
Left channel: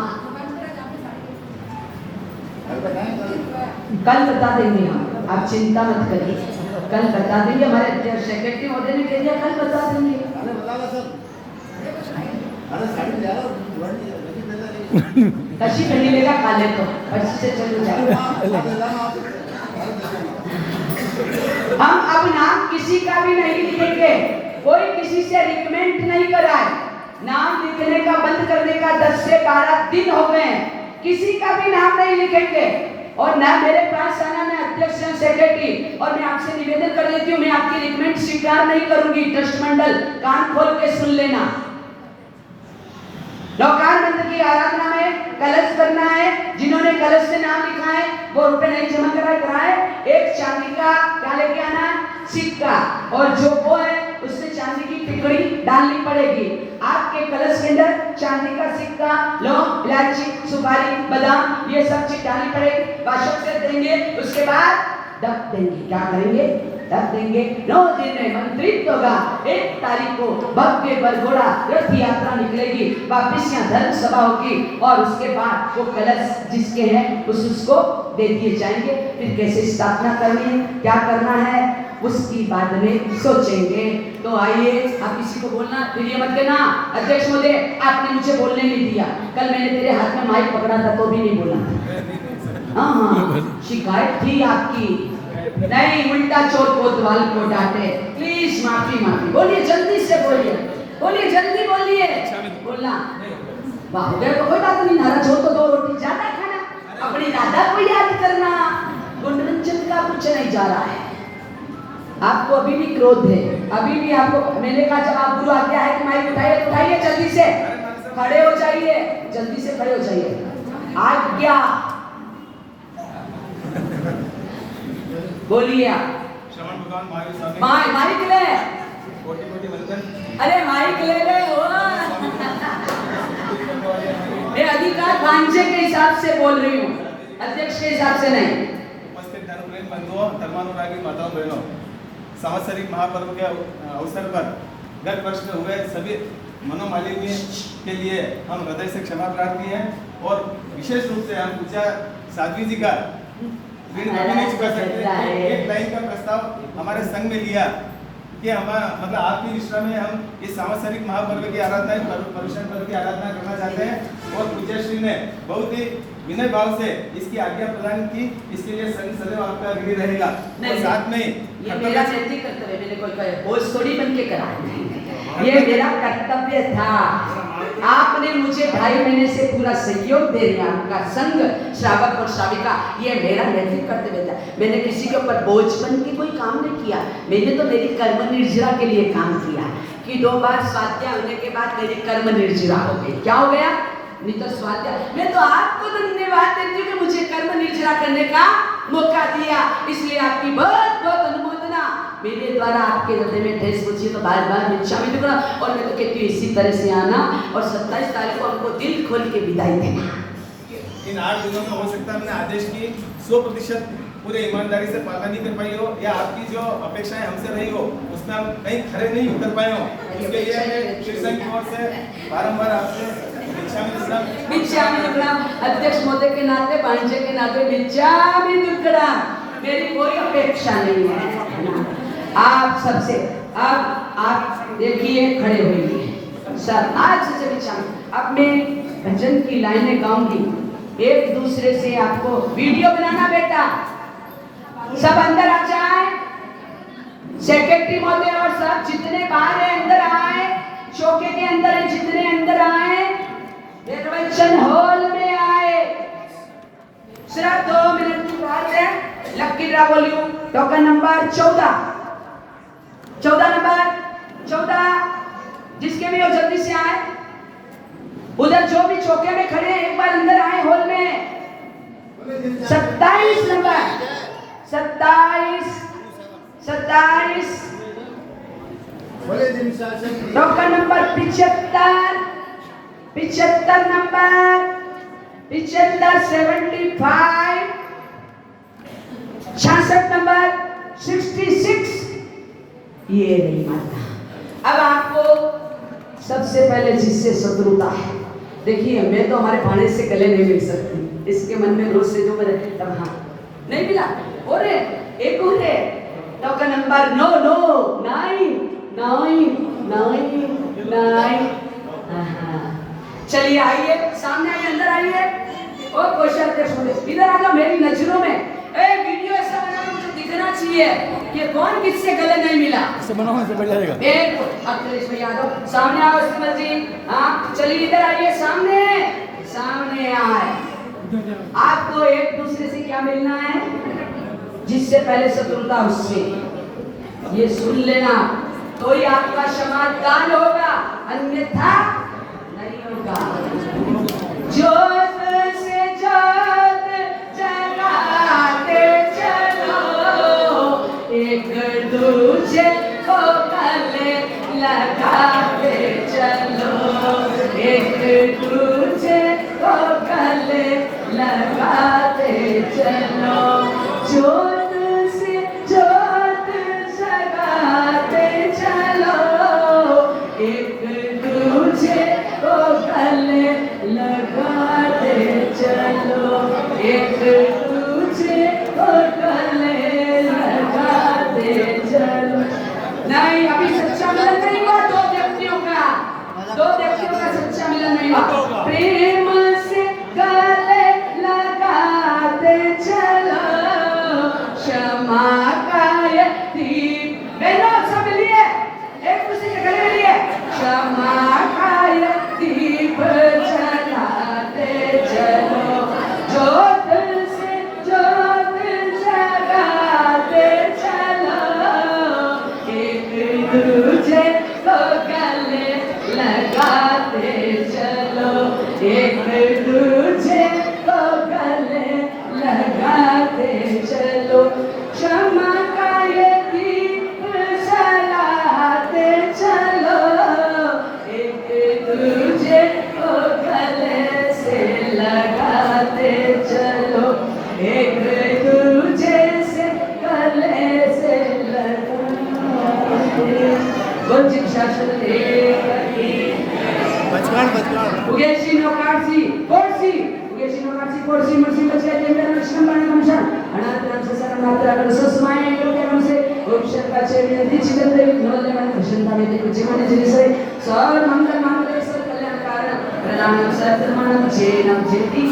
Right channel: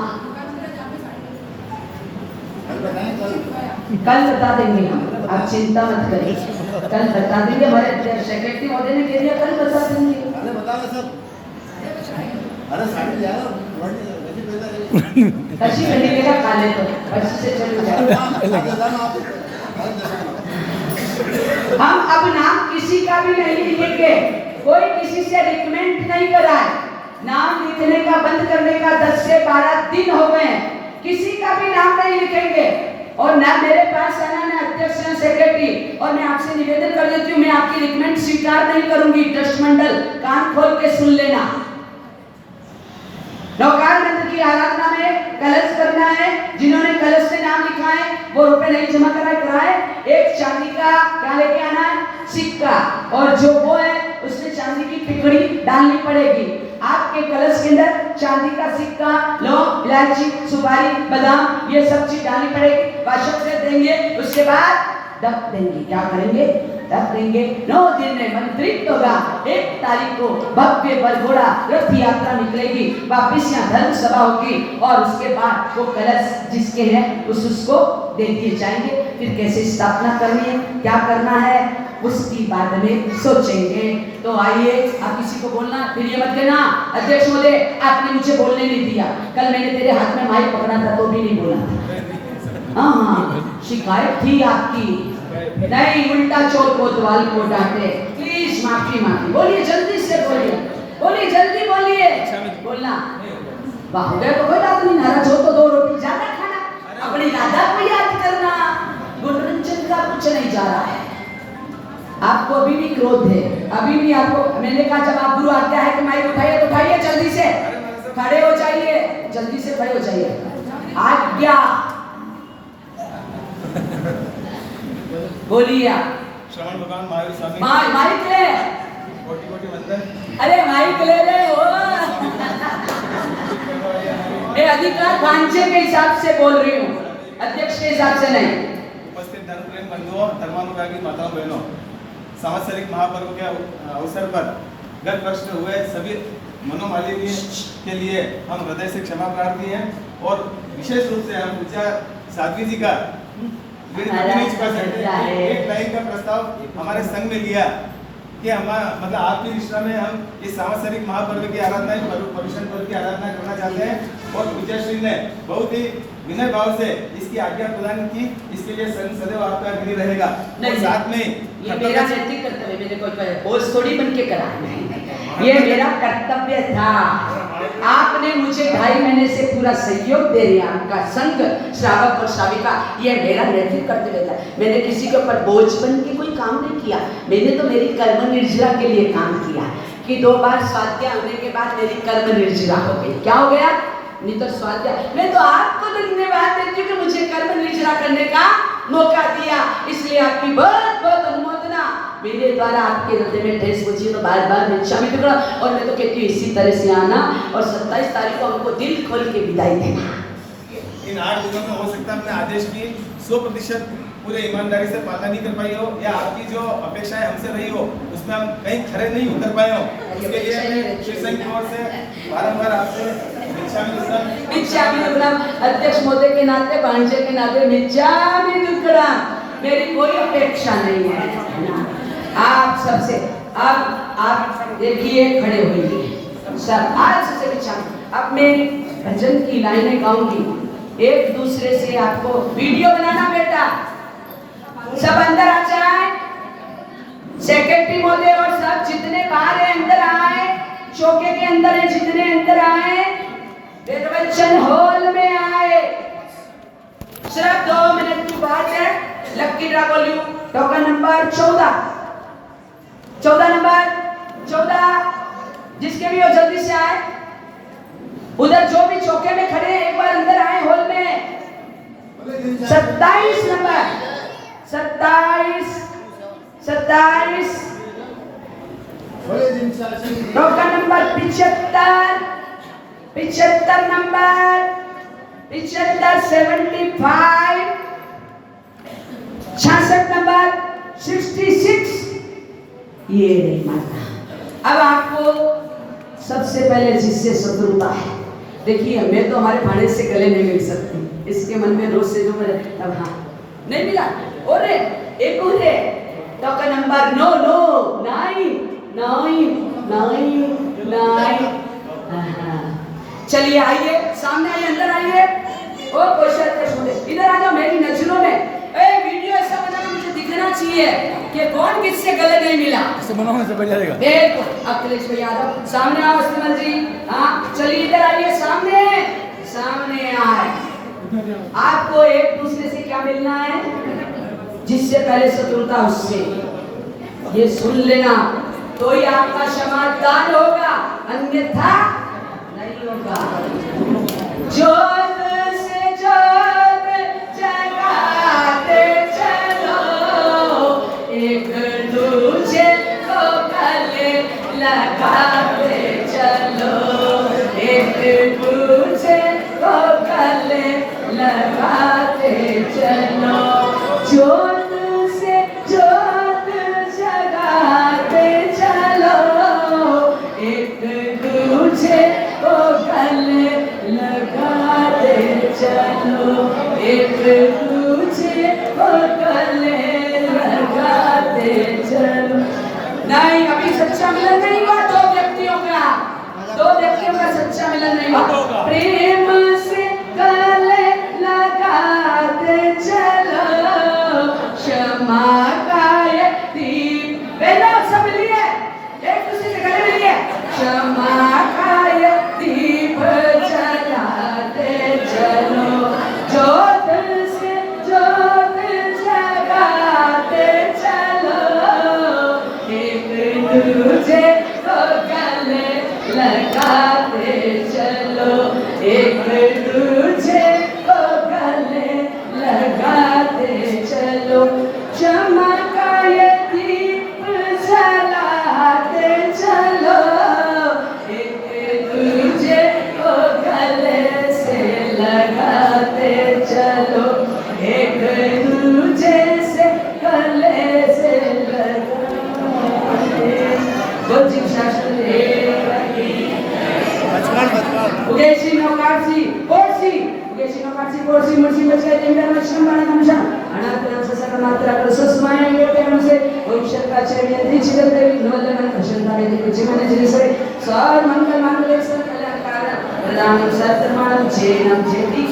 कल बता देंगे हम, आप चिंता मत करिए। कल बता देंगे। हमारे सेक्रेटरी महोदय ने कह दिया कल बता देंगे। कशी बनेगा खा ले तो अच्छी से चल जाए। हम अब नाम किसी का भी नहीं लिखेंगे। कोई किसी से रिकमेंड नहीं कराए। नाम लिखने का बंद करने का 10 से 12 दिन हो गए हैं। किसी का भी नाम नहीं लिखेंगे और ना मेरे पास आना ना अध्यक्ष हैं सेक्रेटरी, और मैं आपसे निवेदन कर देती हूँ, मैं आपकी रिकमेंड स्वीकार नहीं करूंगी। ट्रस्ट मंडल कान खोल के सुन लेना। नौकान मंत्र की आराधना में कलश करना है, जिन्होंने कलश से नाम लिखा है वो रुपए नहीं जमा कराए, एक चांदी का क्या लेके आना है, सिक्का, और जो वो है उसमें चांदी की टिकड़ी डालनी पड़ेगी। आपके कलश के अंदर चांदी का सिक्का, लौंग, इलायची, सुपारी, बादाम, ये सब चीज डालनी पड़ेगी। वाशक से देंगे, उसके बाद डब देंगे। क्या करेंगे? डब देंगे। 9 दिन में मंत्रित होगा। 1 तारीख को भव्य बरघोड़ा रथ यात्रा निकलेगी, वापिस यहाँ धर्म सभा होगी, और उसके बाद वो कलश जिसके हैं उसको दे दिए जाएंगे। फिर कैसे स्थापना करनी है, क्या करना है, उसकी बाद में सोचेंगे। तो आइए, आप किसी को बोलना फिर ये मत कहना अध्यक्ष महोदय आपने मुझे बोलने नहीं दिया, कल मैंने तेरे हाथ में माइक पकड़ा था तो भी नहीं बोला। हाँ, शिकायत थी आपकी, नहीं उल्टा चोर कोतवाल को डांटे। प्लीज माफी बोलिए, जल्दी से बोलिए, जल्दी बोलिए, बोलना। हो गया तो कोई बात नहीं, नाराज हो तो 2 रोटी ज्यादा खाना, अपनी राधा को याद करना। मनोरंजन का कुछ नहीं जा रहा है। आपको अभी भी क्रोध है, अभी भी आपको मैंने कहा जब आप गुरु आज्ञा है कि माइक उठाइए तो उठाइए, जल्दी से खड़े हो जाइए, जल्दी से खड़े हो जाइए। आज्ञा बोलिए आप। श्रवण भगवान महावीर स्वामी माइक ले, कोटि वंदन। अरे माइक ले वो ये अधिकार भांजे के हिसाब से बोल रही हूँ, अध्यक्ष के हिसाब से नहीं। उपस्थित धर्मप्रेम बंधुओं, धर्मानुरागी माताओं बहनों, संवत्सरिक महापर्व के अवसर पर गत वर्ष में हुए सभी मनोमालिन्य के लिए हम हृदय से क्षमा प्रार्थी हैं, और विशेष रूप से हम पूजा साध्वी जी का ऋण कभी नहीं चुका सकते। एक लाइन का प्रस्ताव हमारे संघ में लिया कि हम मतलब आपकी निष्ठा में हम इस सांवत्सरिक महापर्व की आराधना, पर्युषण पर्व की आराधना करना चाहते हैं, और पूज्य श्री ने बहुत ही विनय भाव से इसकी आज्ञा प्रदान की। इसके लिए संघ सदैव आपका ऋणी रहेगा। और साथ में ये मेरा नैतिक कर्तव्य, मैंने कोई बोझ थोड़ी बन के करा, ये मेरा कर्तव्य था। आपने मुझे 2.5 महीने से पूरा सहयोग दे दिया, आपका संघ, श्रावक और श्राविका, ये मेरा नैतिक कर्तव्य था। मैंने किसी के ऊपर बोझ बन के कोई काम नहीं किया, मैंने तो मेरी कर्म निर्जरा के लिए काम किया कि 2 बार स्वाध्याय होने के बाद मेरी कर्म निर्जरा हो गई। क्या हो गया? नहीं तो स्वाध्याय। मैं तो आपको धन्यवाद देती हूँ कि मुझे कर्म निर्जरा करने का मौका दिया, इसलिए आपकी बहुत बहुत अनुमोदना। मेरे द्वारा आपके हृदय में ठेस पहुंची तो बार बार मैं क्षमा भी करा, और मैं तो कहती हूँ इसी तरह से आना, और 27 तारीख को हमको दिल खोल के विदाई देना। इन 8 दिनों में हो सकता है हमने आदेश की 100% पूरे ईमानदारी से पालना नहीं कर पाई हो, या आपकी जो अपेक्षाएं हमसे रही हो उसमें हम कहीं खरे नहीं उतर पाए हो। उसके लिए श्री संघ की ओर से बारंबार आपसे अध्यक्ष महोदय के नाते, भांजे के नाते मिच्छामि दुक्कडम, मेरी कोई अपेक्षा नहीं है। आप सबसे आप देखिए, खड़े होइए सब, आज से मिच्छामि। अब मैं भजन की लाइनें गाऊंगी, एक दूसरे से आपको वीडियो बनाना बेटा, सब अंदर आ जाए, सेक्रेटरी महोदय और सब जितने बाहर है अंदर आए, चौके के अंदर है जितने अंदर आए, निर्वाचन हॉल में आए। सिर्फ 2 मिनट की बात है। Lucky draw volume token number 14 number 14, जिसके भी हो जल्दी से आए। उधर जो भी चौके में खड़े हैं एक बार अंदर आए हॉल में। 27 number 27 token number 75 number 75 66 number 66। ये नहीं माता। अब आपको सबसे पहले जिससे शत्रुता है, देखिए मैं तो हमारे भाणे से गले नहीं मिल सकती, इसके मन में रोज से जो मेरे, तब हाँ नहीं मिला। और एक और है टोकन नंबर 9। चलिए आइए, सामने आइए, अंदर आइए। और इधर आ जाओ मेरी नजरों में। वीडियो ऐसा बना मुझे दिखना चाहिए कि कौन किससे गले नहीं मिला। ऐसे बनाओ, ऐसे बन जाएगा। अखिलेश भैया सामने आओ, इस्तेमाल जी। हाँ चलिए इधर आइए, सामने आए। आपको एक दूसरे से क्या मिलना है? जिससे पहले शत्रुता उससे, ये सुन लेना, तो ही आपका समाधान होगा, अन्यथा नहीं होगा। जोत से जोत जगाते चलो, एक दूजे को गले लगाते चलो, एक दूजे को गले लगाते चलो। जोत से जोत जगाते चलो, एक दूजे को गले लगाते चलो, एक दूजे को गले लगाते चलो। नहीं, अभी सच्चा मिलन नहीं हुआ दो व्यक्तियों का, सच्चा मिलन नहीं हुआ। प्रेम से गले लगाते चलो, क्षमा का ये दीप, बहनों सब मिलिए, एक दूसरे के गले मिलिए, क्षमा का ये दीप जलाते चलो, जोत से जोत जगाते चलो, एक दूजे को गले लगाते चलो, एक दूजे को गले लगाते चलो, क्षमा का ये दीप जलाते चलो, एक दूजे को गले से लगाते चलो, एक दूजे से गले से लगाते। गोजिक शास्त्र उगेशिनो कार्सी कोर्सी मुर्सी बचका जेंडर मश्रम बाण नमशा अनातन ससर मात्रा कर सुस्माय के मनसे भविष्य का चेरिया दीक्षित देवी नोले मन प्रसन्नता में कुछ मन जिसरे सर मंगल मंगल सकल कारण प्रदान सत्य मान जेनम जेति